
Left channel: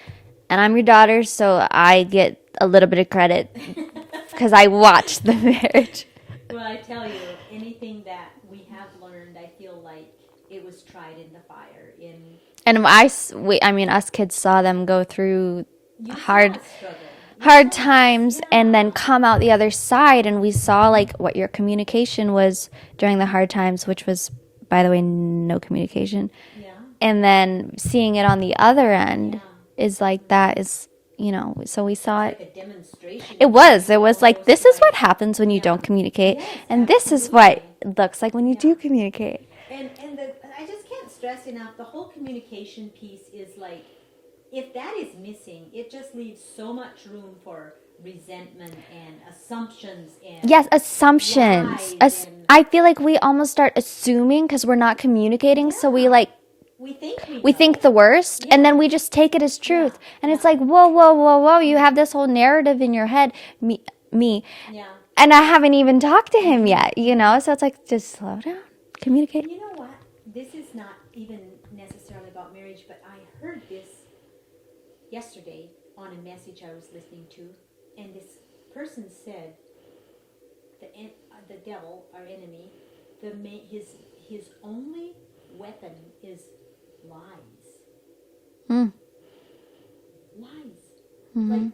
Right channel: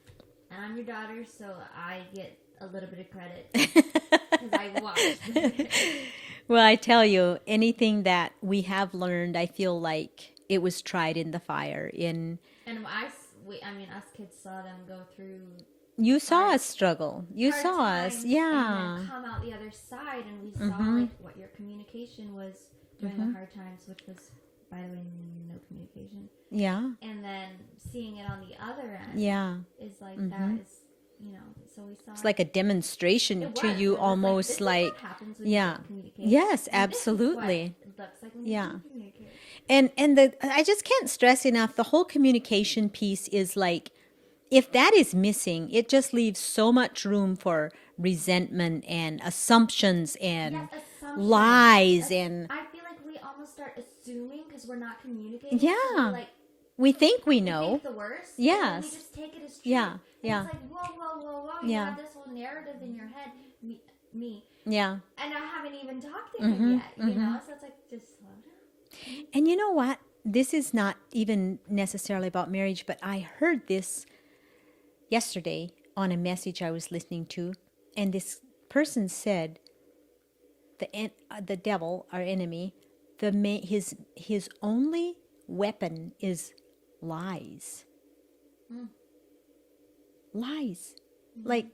And I'm your daughter, so I get a little bit of credit because I watched the marriage. well, I tell you, anything that we have learned, I feel like it was tried in the fire. And I mean, us kids saw them go through You hard saw us struggle, hard times yeah. and then come out the other side, and we saw like what your communication was during the hard times, which was, by the way, no communication. Yeah, And then seeing it on the other end Yeah. is like that is, so we saw it's it. like a demonstration. It was. to you, It was like, almost this is what like- happens when you Yeah. don't communicate. Yes, and this is what absolutely. it looks like when you Yeah. do communicate. And I just can't stress enough, the whole communication piece is like, if that is missing, it just leaves so much room for resentment and assumptions and Yes, assumptions. lies and I feel like we almost start assuming because we're not communicating. So we Yeah. like, we think we know. we think the worst, and then we Yes. just take it as truth. Yeah, And it's yeah. like, whoa, whoa, whoa, whoa. You have this whole narrative in your head, me. Yeah. And I haven't even talked to Mm-hmm. him yet, So it's like, just slow down, communicate. And you know what? This is not even necessarily about marriage, but I heard this yesterday on a message I was listening to, and this person said, the devil, our enemy, his only weapon is lies. Lies. Like,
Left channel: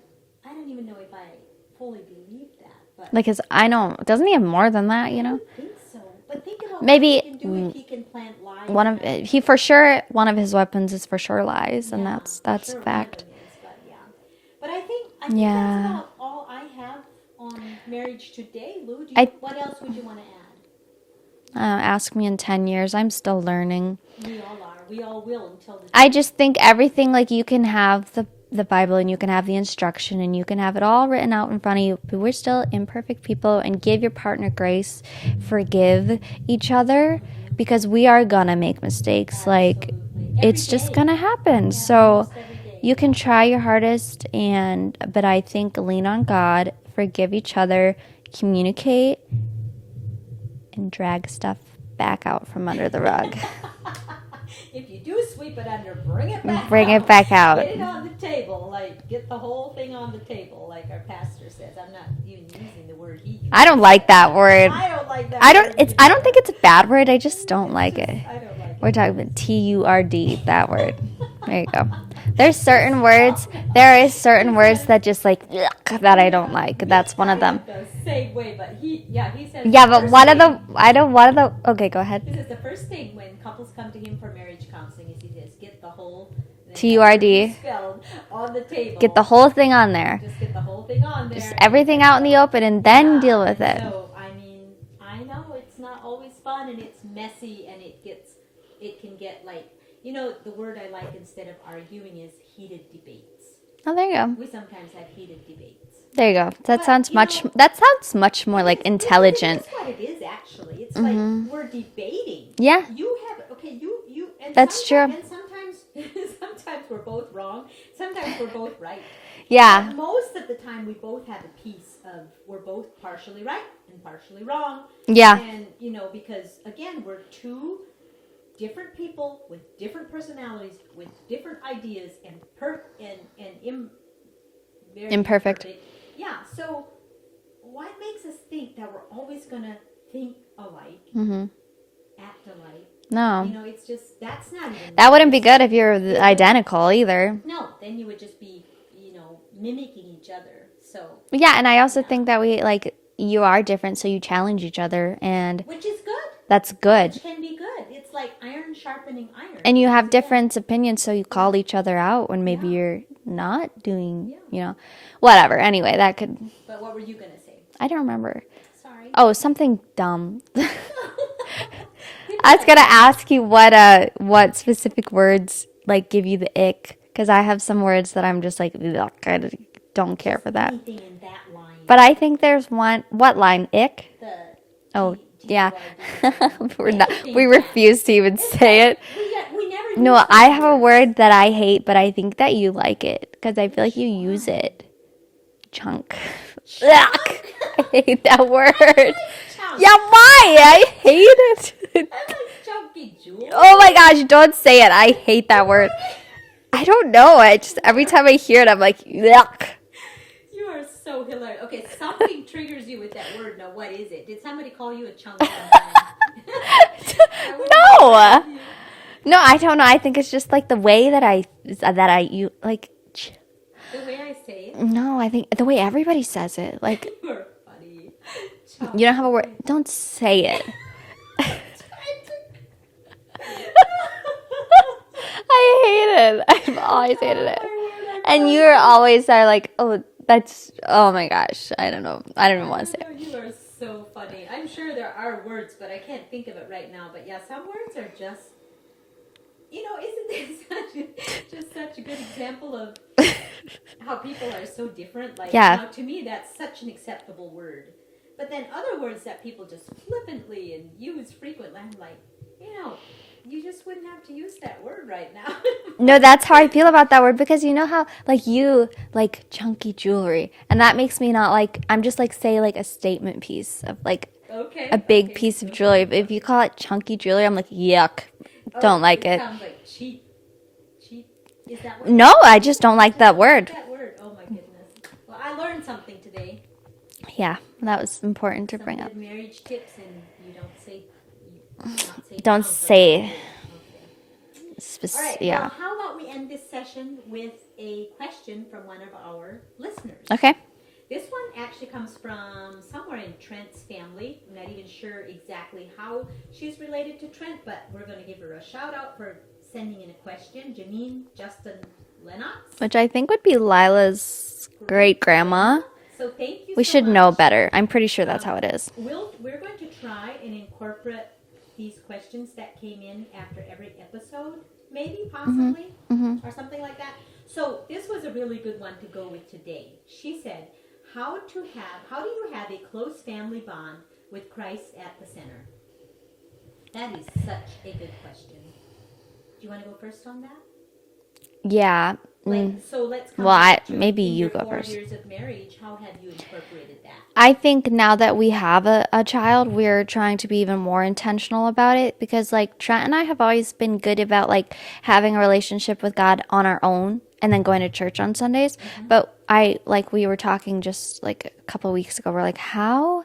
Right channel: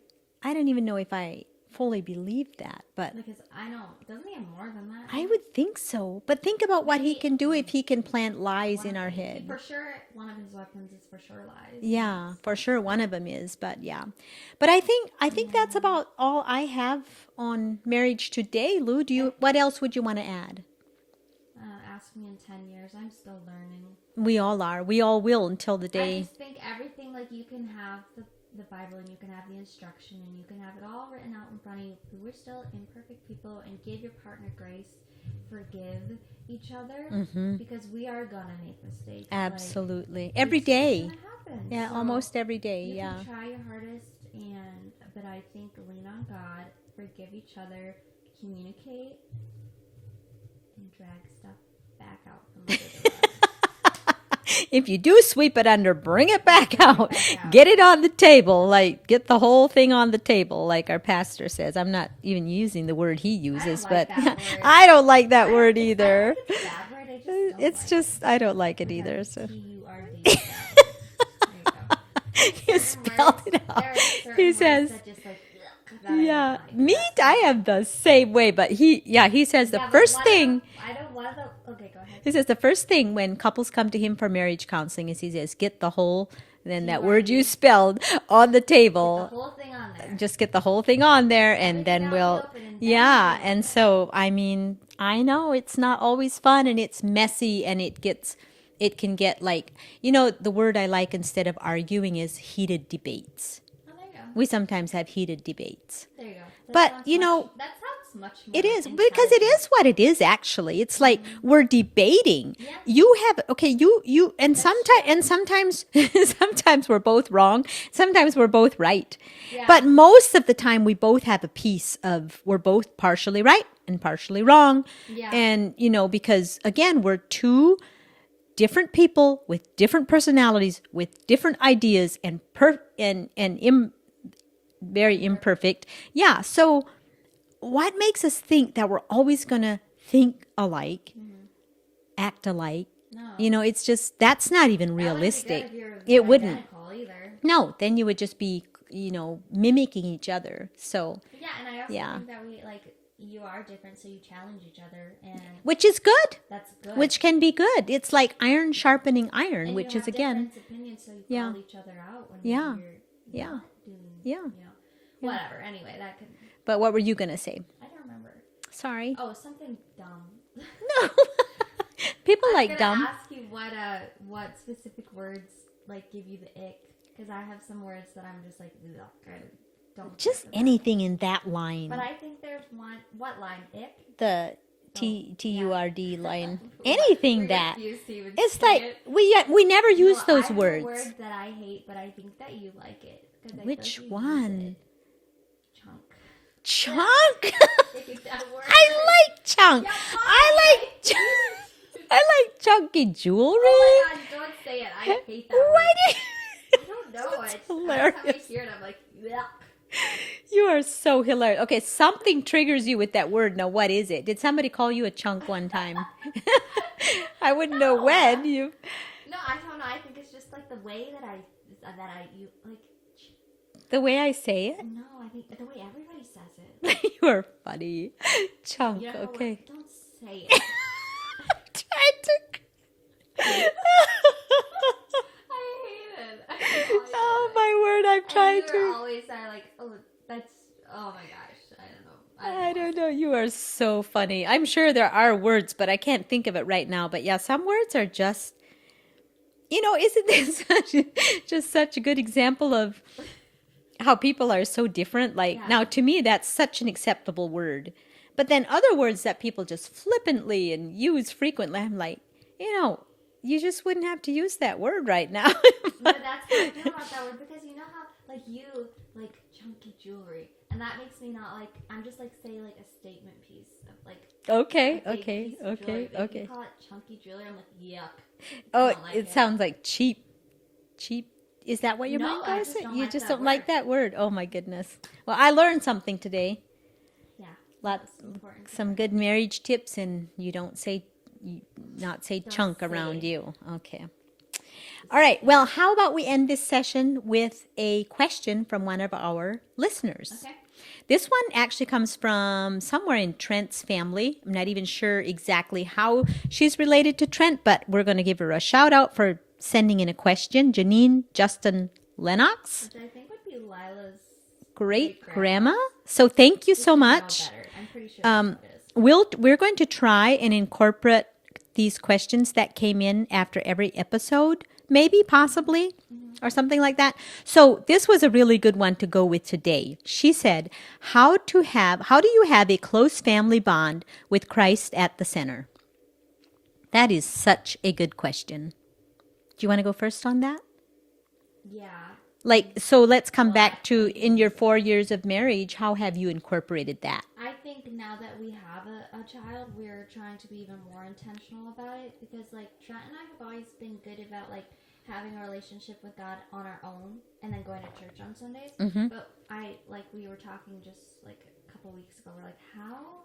I don't even know if I fully believe that, but Like, doesn't he have more than that, I would think so. But think about Maybe, what he can do if he can plant lies one in of our head. he for sure, one of his weapons is for sure lies. And Yeah, that's for sure one of fact. them is, but yeah. But I think that's Yeah. about all I have on marriage today, Lou. What else would you want to add? Ask me in 10 years. I'm still learning. We all are. We all will until the day. I just think everything, like, you can have the Bible and you can have the instruction and you can have it all written out in front of you, but we're still imperfect people, and give your partner grace, forgive each other, because we are gonna make mistakes. Absolutely. Like, Every it's day. just gonna happen. Yeah, So almost every day. you can try your hardest, but I think lean on God, forgive each other, communicate, and drag stuff back out from under the rug. If you do sweep it under, bring it back out. Bring it back out. Get it on the table. Like, get the whole thing on the table, like our pastor says. I'm not even using the word he uses. I don't like that word. I don't like that word either. I don't think it's a bad word. I just don't It's like just- it. I don't like it We're talking either, about so. TURD, that word. There you go. There's certain spell words. it out. There is certain He words says- that just like yuck, that I don't like. Me, That's one I of them. am the same way, but he says Yeah, the but first one thing, of the. Okay, go ahead. he says the first thing when couples come to him for marriage counseling is he says, get the whole, then that TURD. word you spelled on the table. Get the whole thing on there. Just get the whole thing on there. Just and everything then out in the open and then deal with and it. so, I mean, I know it's not always fun and it's messy and it can get like, the word I like instead of arguing is heated debates. Oh, there you go. We sometimes have heated debates. There you go. That But, sounds you much. know, That sounds much more It like is, intelligent. Because it is what it is, actually. It's like we're debating. Yeah. You have you and That's true. sometimes sometimes we're both wrong. Sometimes we're both right. Yeah. But most of the time we both have a piece of we're both partially right and partially wrong. Yeah. And because again, we're two different people with different personalities, with different ideas and very imperfect. Yeah. So what makes us think that we're always going to think alike, act alike? No. It's just, that's not even That wouldn't be good realistic. if you're It wouldn't. identical either. No, then you would just be, mimicking each other. So, But yeah, and I also Yeah. think that you are different, so you challenge each other, and which is good. that's good. Which can be good. It's like iron sharpening iron. And you which have is, again, different opinions, so you call each other out when maybe Yeah. you're not doing, Yeah. whatever. Anyway, that could, But what were you going to say? I don't remember. Sorry. Oh, something dumb. People I was like gonna that. ask you what specific words like give you the ick, because I have some words that I'm just like, ugh, I don't care for that. Anything in that line. But I think there's one. What line? Ick. The Oh, yeah. TURD line. We refuse to even say it. We never use No, those I have a words. word that I hate, but I think that you like it because I feel like Which you use one? it. Chunk. Chunk? I hate that word. I like chunk. Yeah, why? I hate it. I like chunky jewelry. Oh my gosh, don't say it. I hate that word. I don't know. I just every time I hear it, I'm like, yuck. You are so hilarious. Okay, something triggers you with that word. Now, what is it? Did somebody call you a chunk one time? I wouldn't know. No. When you... No, I don't know. I think it's just like the way you like. The way I say it. No, I think the way everybody says it. Like You are funny. Chunk. you don't have a okay. word. Don't say it. I hate it. I've always hated it. My word, And you always are like, oh, that's, oh my gosh. I don't know. I don't even want to say know. You are so funny. I'm sure there are words, but I can't think of it right now. But yeah, some words are just, isn't this just such a good example of how people are so different? Like, Yeah. now to me, that's such an acceptable word. But then other words that people just flippantly and use frequently, I'm like, you just wouldn't have to use that word right now. No, that's how I feel about that word, because you know how like you like chunky jewelry, and that makes me not like, I'm just like, say like a statement piece of like Okay. a big okay, piece of okay, jewelry. If okay. you call it chunky jewelry, I'm like, yuck. Oh, Don't like it. Sounds like cheap. Cheap. Is that what? No, I just saying? don't You like that don't word. Like that word. Oh my goodness. Well, I learned something today. Yeah, that was important to Some bring good up. marriage tips, and you don't say Don't chunk say- around you. Okay. All right. Yeah. Well, how about we end this session with a question from one of our listeners? Okay. This one actually comes from somewhere in Trent's family. I'm not even sure exactly how she's related to Trent, but we're going to give her a shout out for sending in a question. Janine Justin Lennox. Which I think would be Lila's great grandma. So thank you We so should much. know better. I'm pretty sure that's how it is. We're going to try and incorporate these questions that came in after every episode maybe, possibly, or something like that. So this was a really good one to go with today. She said, how do you have a close family bond with Christ at the center? That is such a good question. Do you want to go first on that? Yeah. So let's come Well, back to maybe in you your go 4 years first. of marriage, how have you incorporated that? I think now that we have a child, we're trying to be even more intentional about it because like Trent and I have always been good about like having a relationship with God on our own and then going to church on Sundays. But we were talking just like a couple of weeks ago, we're like, how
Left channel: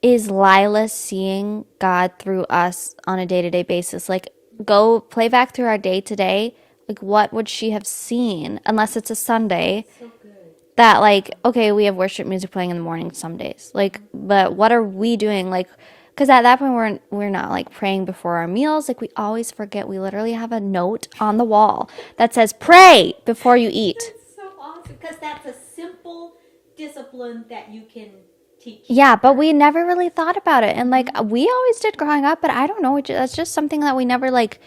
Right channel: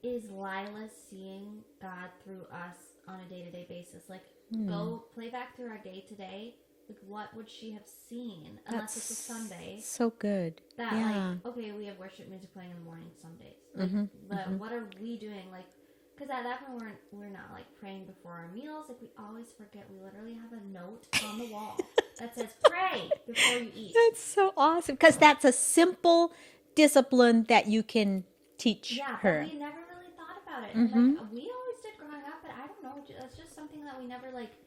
is Lila seeing God through us on a day-to-day basis? Like, go play back through our day today. Like, what would she have seen, unless it's a Sunday, So good. that, like, okay, we have worship music playing in the morning some days. Like, but what are we doing? Like, because at that point, we're not, like, praying before our meals. Like, we always forget. We literally have a note on the wall that says, pray before you eat. That's so awesome because that's a simple discipline that you can teach. Yeah, but her. we never really thought about it. And, like, we always did growing up, but I don't know. That's just something that we never, like,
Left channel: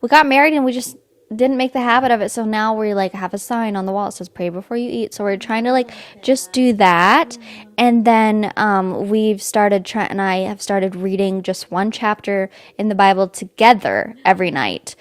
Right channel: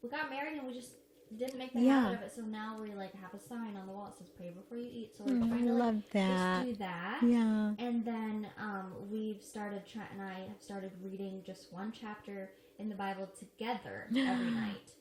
we got married and we just didn't make the habit of it. So now we, like, have a sign on the wall that says, pray before you eat. So we're trying to, like, just do that. Yeah. And then Trent and I have started reading just one chapter in the Bible together every night.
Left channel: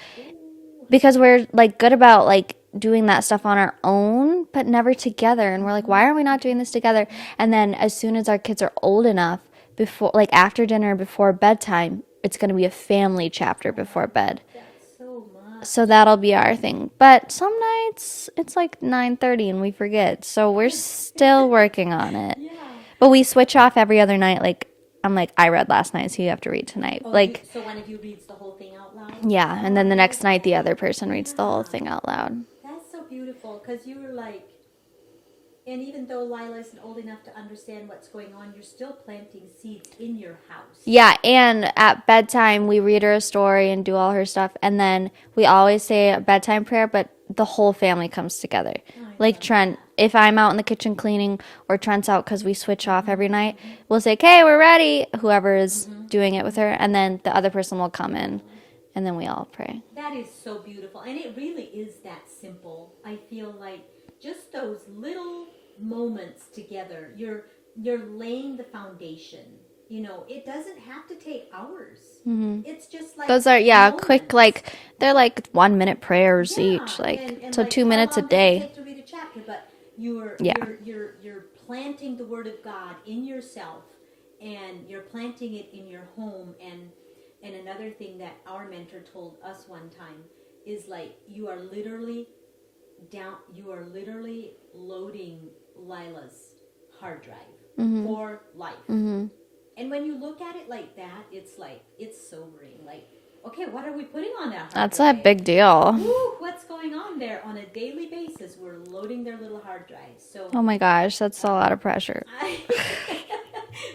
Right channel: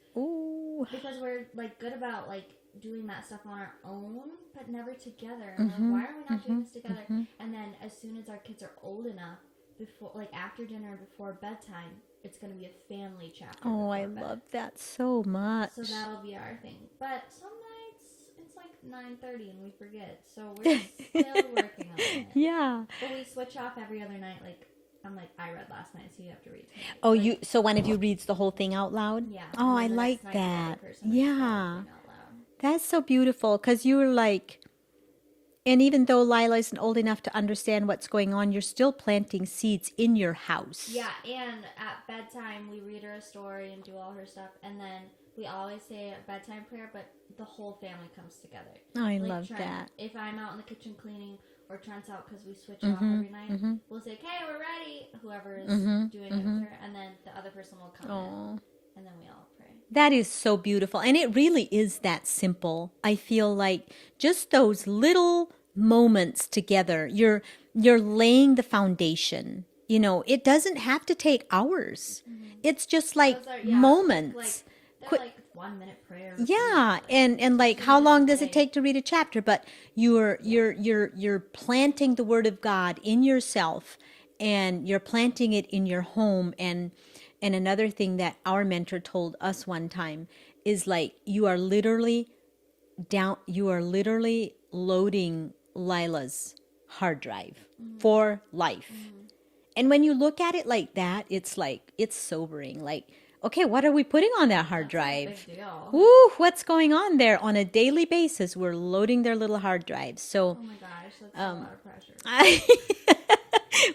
Because we're, like, good about, like, doing that stuff on our own, but never together. And we're like, why are we not doing this together? And then as soon as our kids are old enough, before, like, after dinner, before bedtime, it's going to be a family chapter before bed. That's so much. So that'll be our thing. But some nights it's like 9:30 and we forget. So we're still working on it. Yeah. But we switch off every other night. Like, I'm like, I read last night, so you have to read tonight. Oh, like, so one of you reads the whole thing out loud? yeah. Oh, And then I the next like night, the other that. person reads the whole Yeah. thing out loud. That's so beautiful because you were like, and even though Lila isn't old enough to understand what's going on, you're still planting seeds in your house. Yeah, and at bedtime, we read her a story and do all her stuff. And then we always say a bedtime prayer, but the whole family comes together. I Like love Trent, that. if I'm out in the kitchen cleaning or Trent's out because we switch off every night, we'll say, okay, we're ready, whoever is doing it with her. And then the other person will come in and then we all pray. That is so beautiful. And it really is that simple. I feel like just those little moments together, you're laying the foundation. You know, it doesn't have to take hours. It's just like Those are, quick, moments. like, they're like 1 minute prayers Yeah, each. Like, and so like 2 how minutes long a does day. it take to read a chapter? But you're planting the word of God in yourself, and you're planting it in your home. And another thing that our mentor told us one time is like you are literally loading Lila's hard drive for life. And when you look at it like that, it's like it's sobering. Like, okay, what are we putting on that hard That's drive? a big deal. Woo, what's going on there on a daily basis? We're loading their little hard drives. So, Oh my gosh, that's a lot of pressure.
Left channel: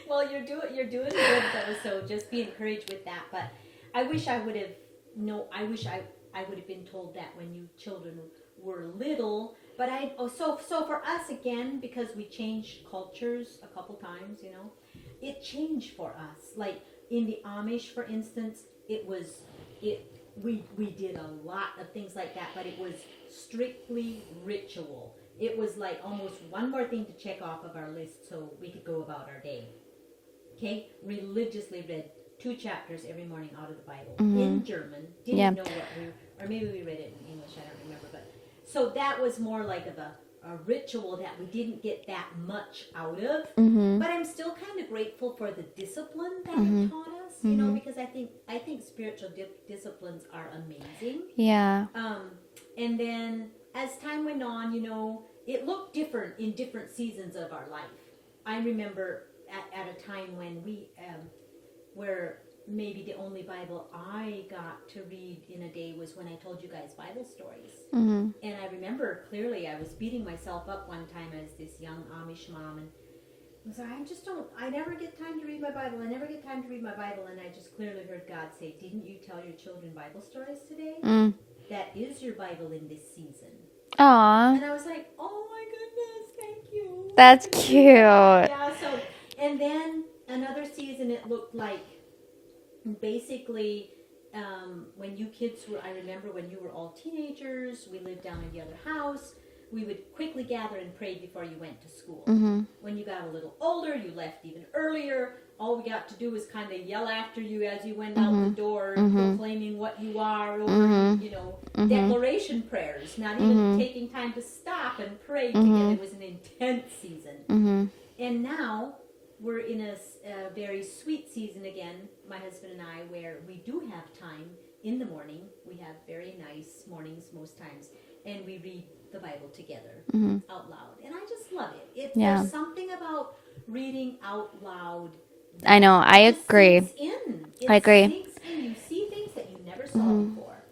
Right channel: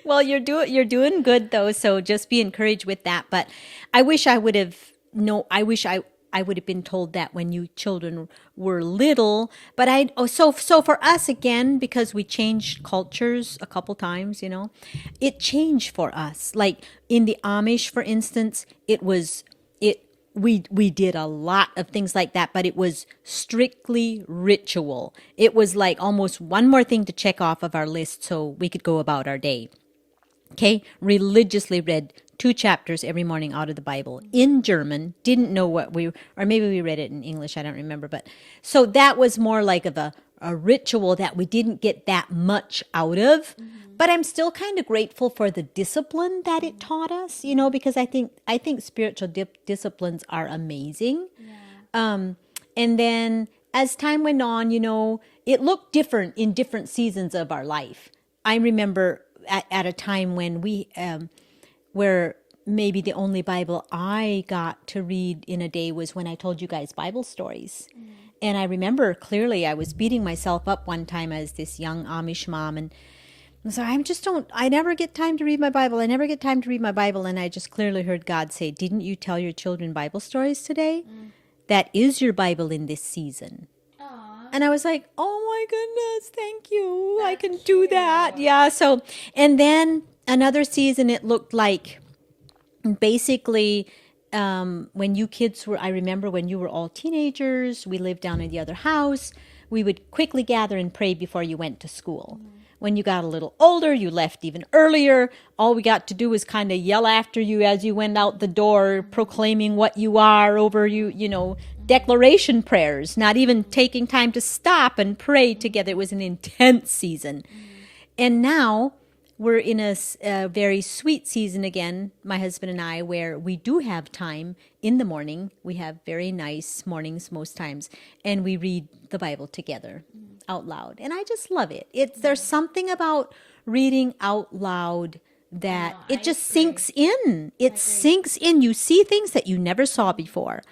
well, you're doing good though. So just be encouraged with that. But I wish I would have I would have been told that when you children were little. But so for us again, because we changed cultures a couple times, you know, it changed for us. Like in the Amish, for instance, we did a lot of things like that, but it was strictly ritual. It was like almost one more thing to check off of our list so we could go about our day. Okay, religiously read 2 chapters every morning out of the Bible in German. Didn't know what or maybe we read it in English. I don't remember. But so that was more like of a ritual that we didn't get that much out of. But I'm still kind of grateful for the discipline that it taught us, you know, because I think spiritual disciplines are amazing. Yeah. And then as time went on, you know, it looked different in different seasons of our life. I remember at a time when where maybe the only Bible I got to read in a day was when I told you guys Bible stories. And I remember clearly I was beating myself up one time as this young Amish mom, and so I never get time to read my Bible. I never get time to read my Bible. And I just clearly heard God say, didn't you tell your children Bible stories today? That is your Bible in this season. Aw. And I was like, oh my goodness, thank you. That's I can cute. do that. Yeah, so, and then another season it looked like basically when you kids were, I remember when you were all teenagers, we lived down in the other house. We would quickly gather and pray before you went to school. When you got a little older, you left even earlier. All we got to do was kind of yell after you as you went out the door, proclaiming what you are over you know, declaration prayers, not even taking time to stop and pray together. It was an intense season. And now we're in a very sweet season again, my husband and I, where we do have time in the morning. We have very nice mornings most times, and we read the Bible together out loud. And I just love it. There's something about reading out loud that I know, I just agree. sinks in. I agree. Sinks in. You see things that you never saw before.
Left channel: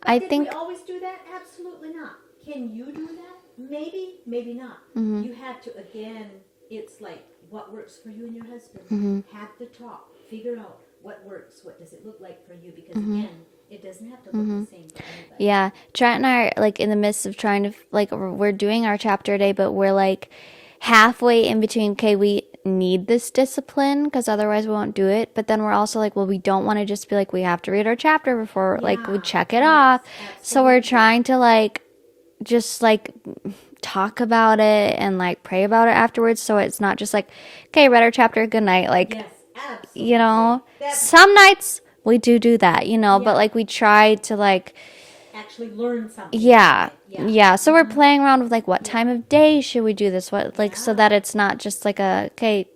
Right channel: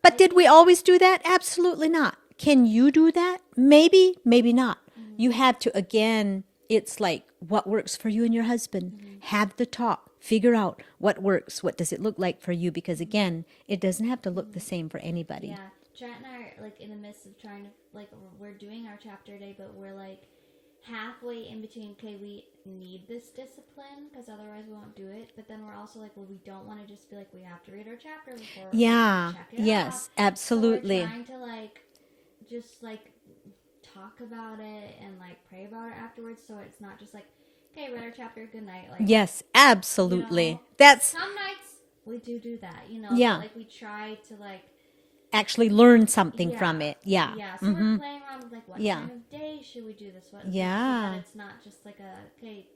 But did we always do that? Absolutely not. Can you do that? Maybe, maybe not. You have to, again, it's like what works for you and your husband. Have the talk. Figure out what works. What does it look like for you? Because again, it doesn't have to look the same for anybody. Yeah. Trent and I are like in the midst of trying to, like, we're doing our chapter a day, but we're like halfway in between, okay, we need this discipline because otherwise we won't do it. But then we're also like, well, we don't want to just be like, we have to read our chapter before like we check it off. Absolutely. So we're trying to like, just like talk about it and like pray about it afterwards, so it's not just like, okay, read our chapter, good night. Like, yes, absolutely. you know, that's some nights we do that, you know, but like we try to like actually learn something from it. So we're playing around with like what time of day should we do this, what like, so that it's not just like a, okay,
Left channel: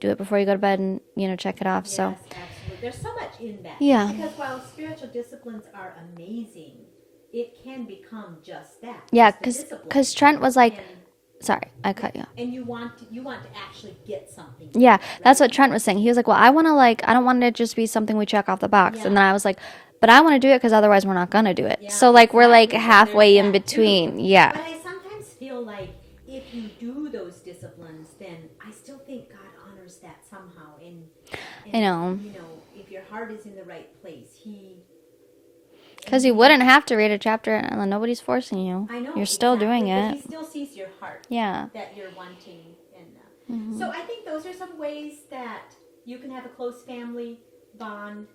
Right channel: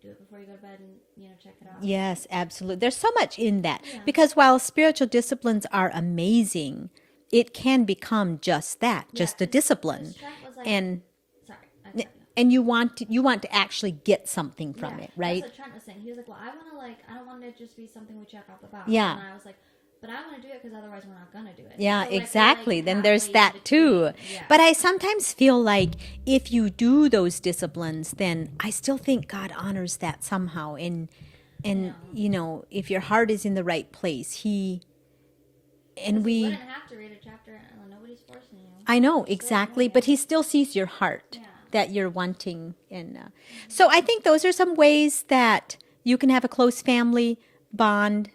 do it before you go to bed and, you know, check it off. Yes, absolutely. There's so much in that. Yeah. Because while spiritual disciplines are amazing, it can become just that, Yeah, just a discipline. Because Trent was like, and sorry, I cut you. And you want to actually get something from Yeah, it, right? that's what Trent was saying. He was like, well, I want to like, I don't want it to just be something we check off the box. Yeah. And then I was like, but I want to do it because otherwise we're not going to do it. Yeah, so like we're like exactly. Then there's halfway in that between. too. Yeah. But I sometimes feel like if you do those disciplines, then I still think God honors that somehow. And I know. You know, if your heart is in the right place, Because you wouldn't have to read a chapter and nobody's forcing you. I know, You're still exactly. doing But it. he still sees your heart. Yeah. That you're wanting. And so I think those are some ways that you can have a close family bond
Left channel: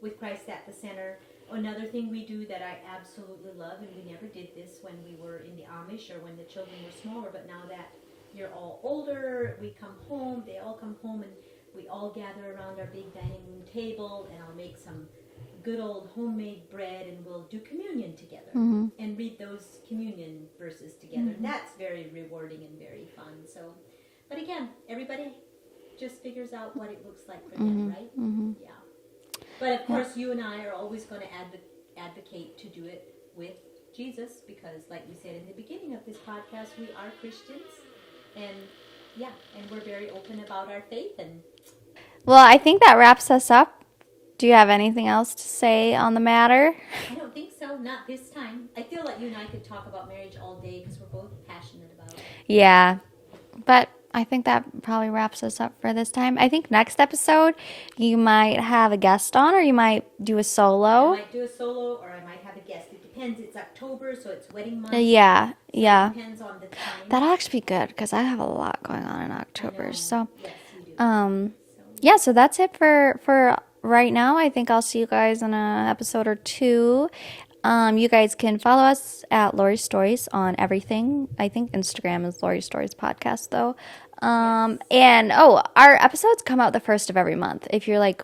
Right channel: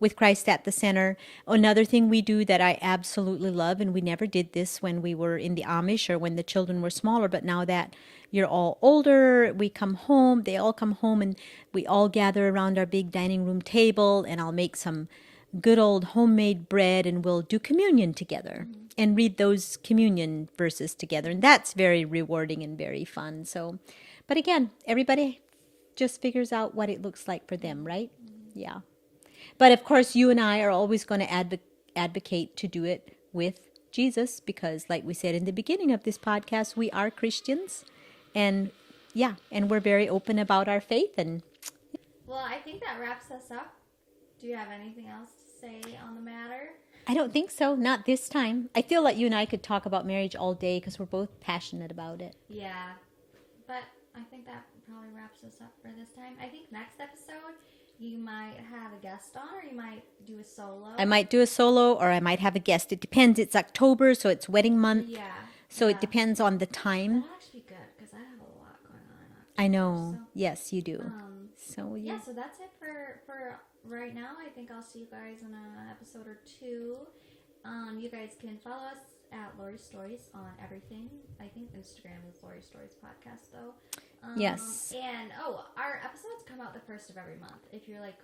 with Christ at the center. Another thing we do that I absolutely love, and we never did this when we were in the Amish or when the children were smaller, but now that you're all older, we come home, they all come home, and we all gather around our big dining room table, and I'll make some good old homemade bread, and we'll do communion together and read those communion verses together. And that's very rewarding and very fun. So, but again, everybody just figures out what it looks like for them, right? Yeah. But of course, you and I are always going to advocate to do it with Jesus, because like we said in the beginning of this podcast, we are Christians, and and we're very open about our faith. And well, I think that wraps us up. Do you have anything else to say on the matter? I don't think so. Not this time. I feel like you and I could talk about marriage all day because we're both passionate about it. Yeah. But I think that probably wraps us up for this time. I think next episode you might have a guest on, or you might do a solo. I might do a solo, or I might have a guest. It depends. It's October, so it's wedding month. Yeah. So it depends on the time. That'll actually be good because I have a lot going on in October. I know. So yes, you do. So that's it for right now. I think I'll see you guys in an episode or two. You guys can follow us at Laurie Stories on everything. I think Instagram is Laurie Stories Podcast, though. Yes. And our episodes come out the first of every month. If you're like,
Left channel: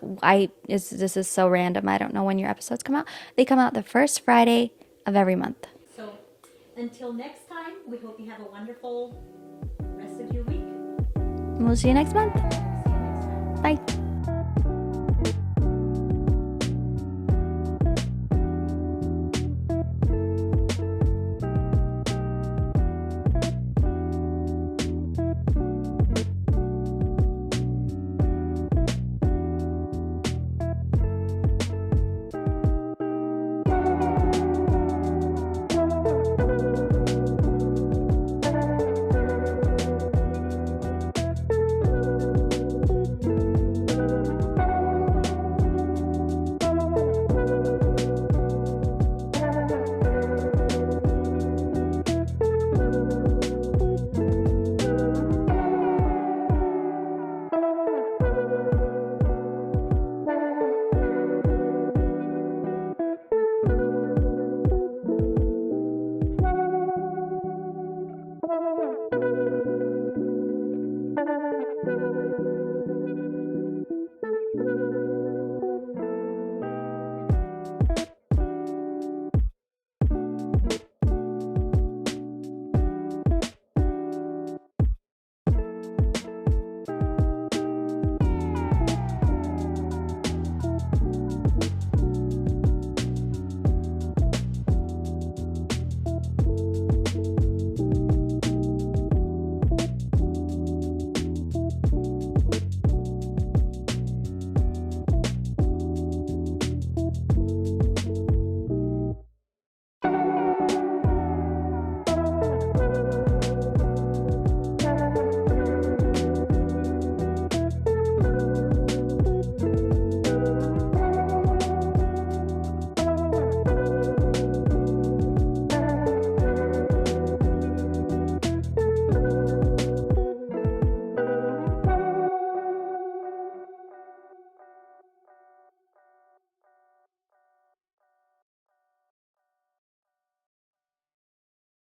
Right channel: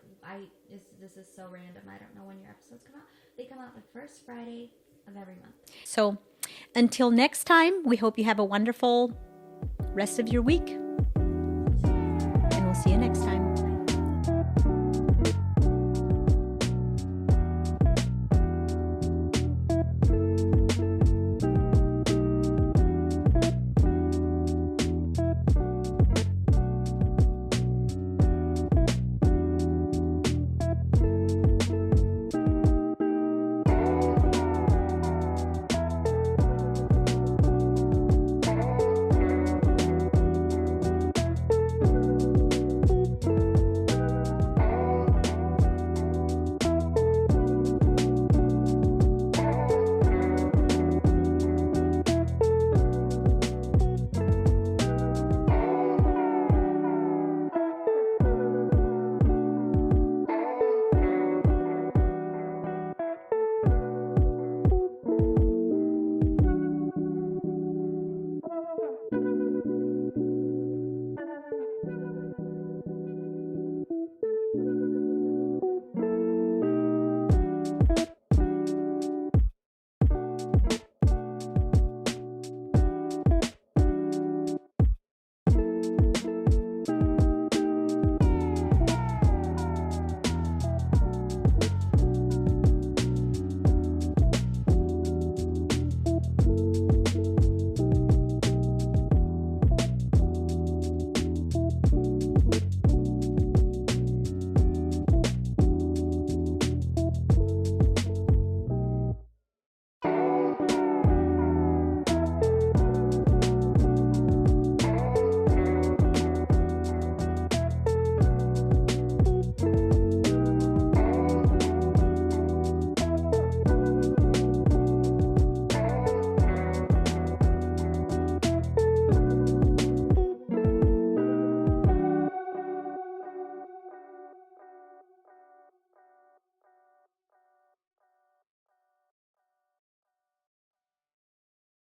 this is so random, I don't know when your episodes come out. They come out the first Friday of every month. So until next time, we hope you have a wonderful rest of your week. We'll see you next month. And we'll see you next time. Bye.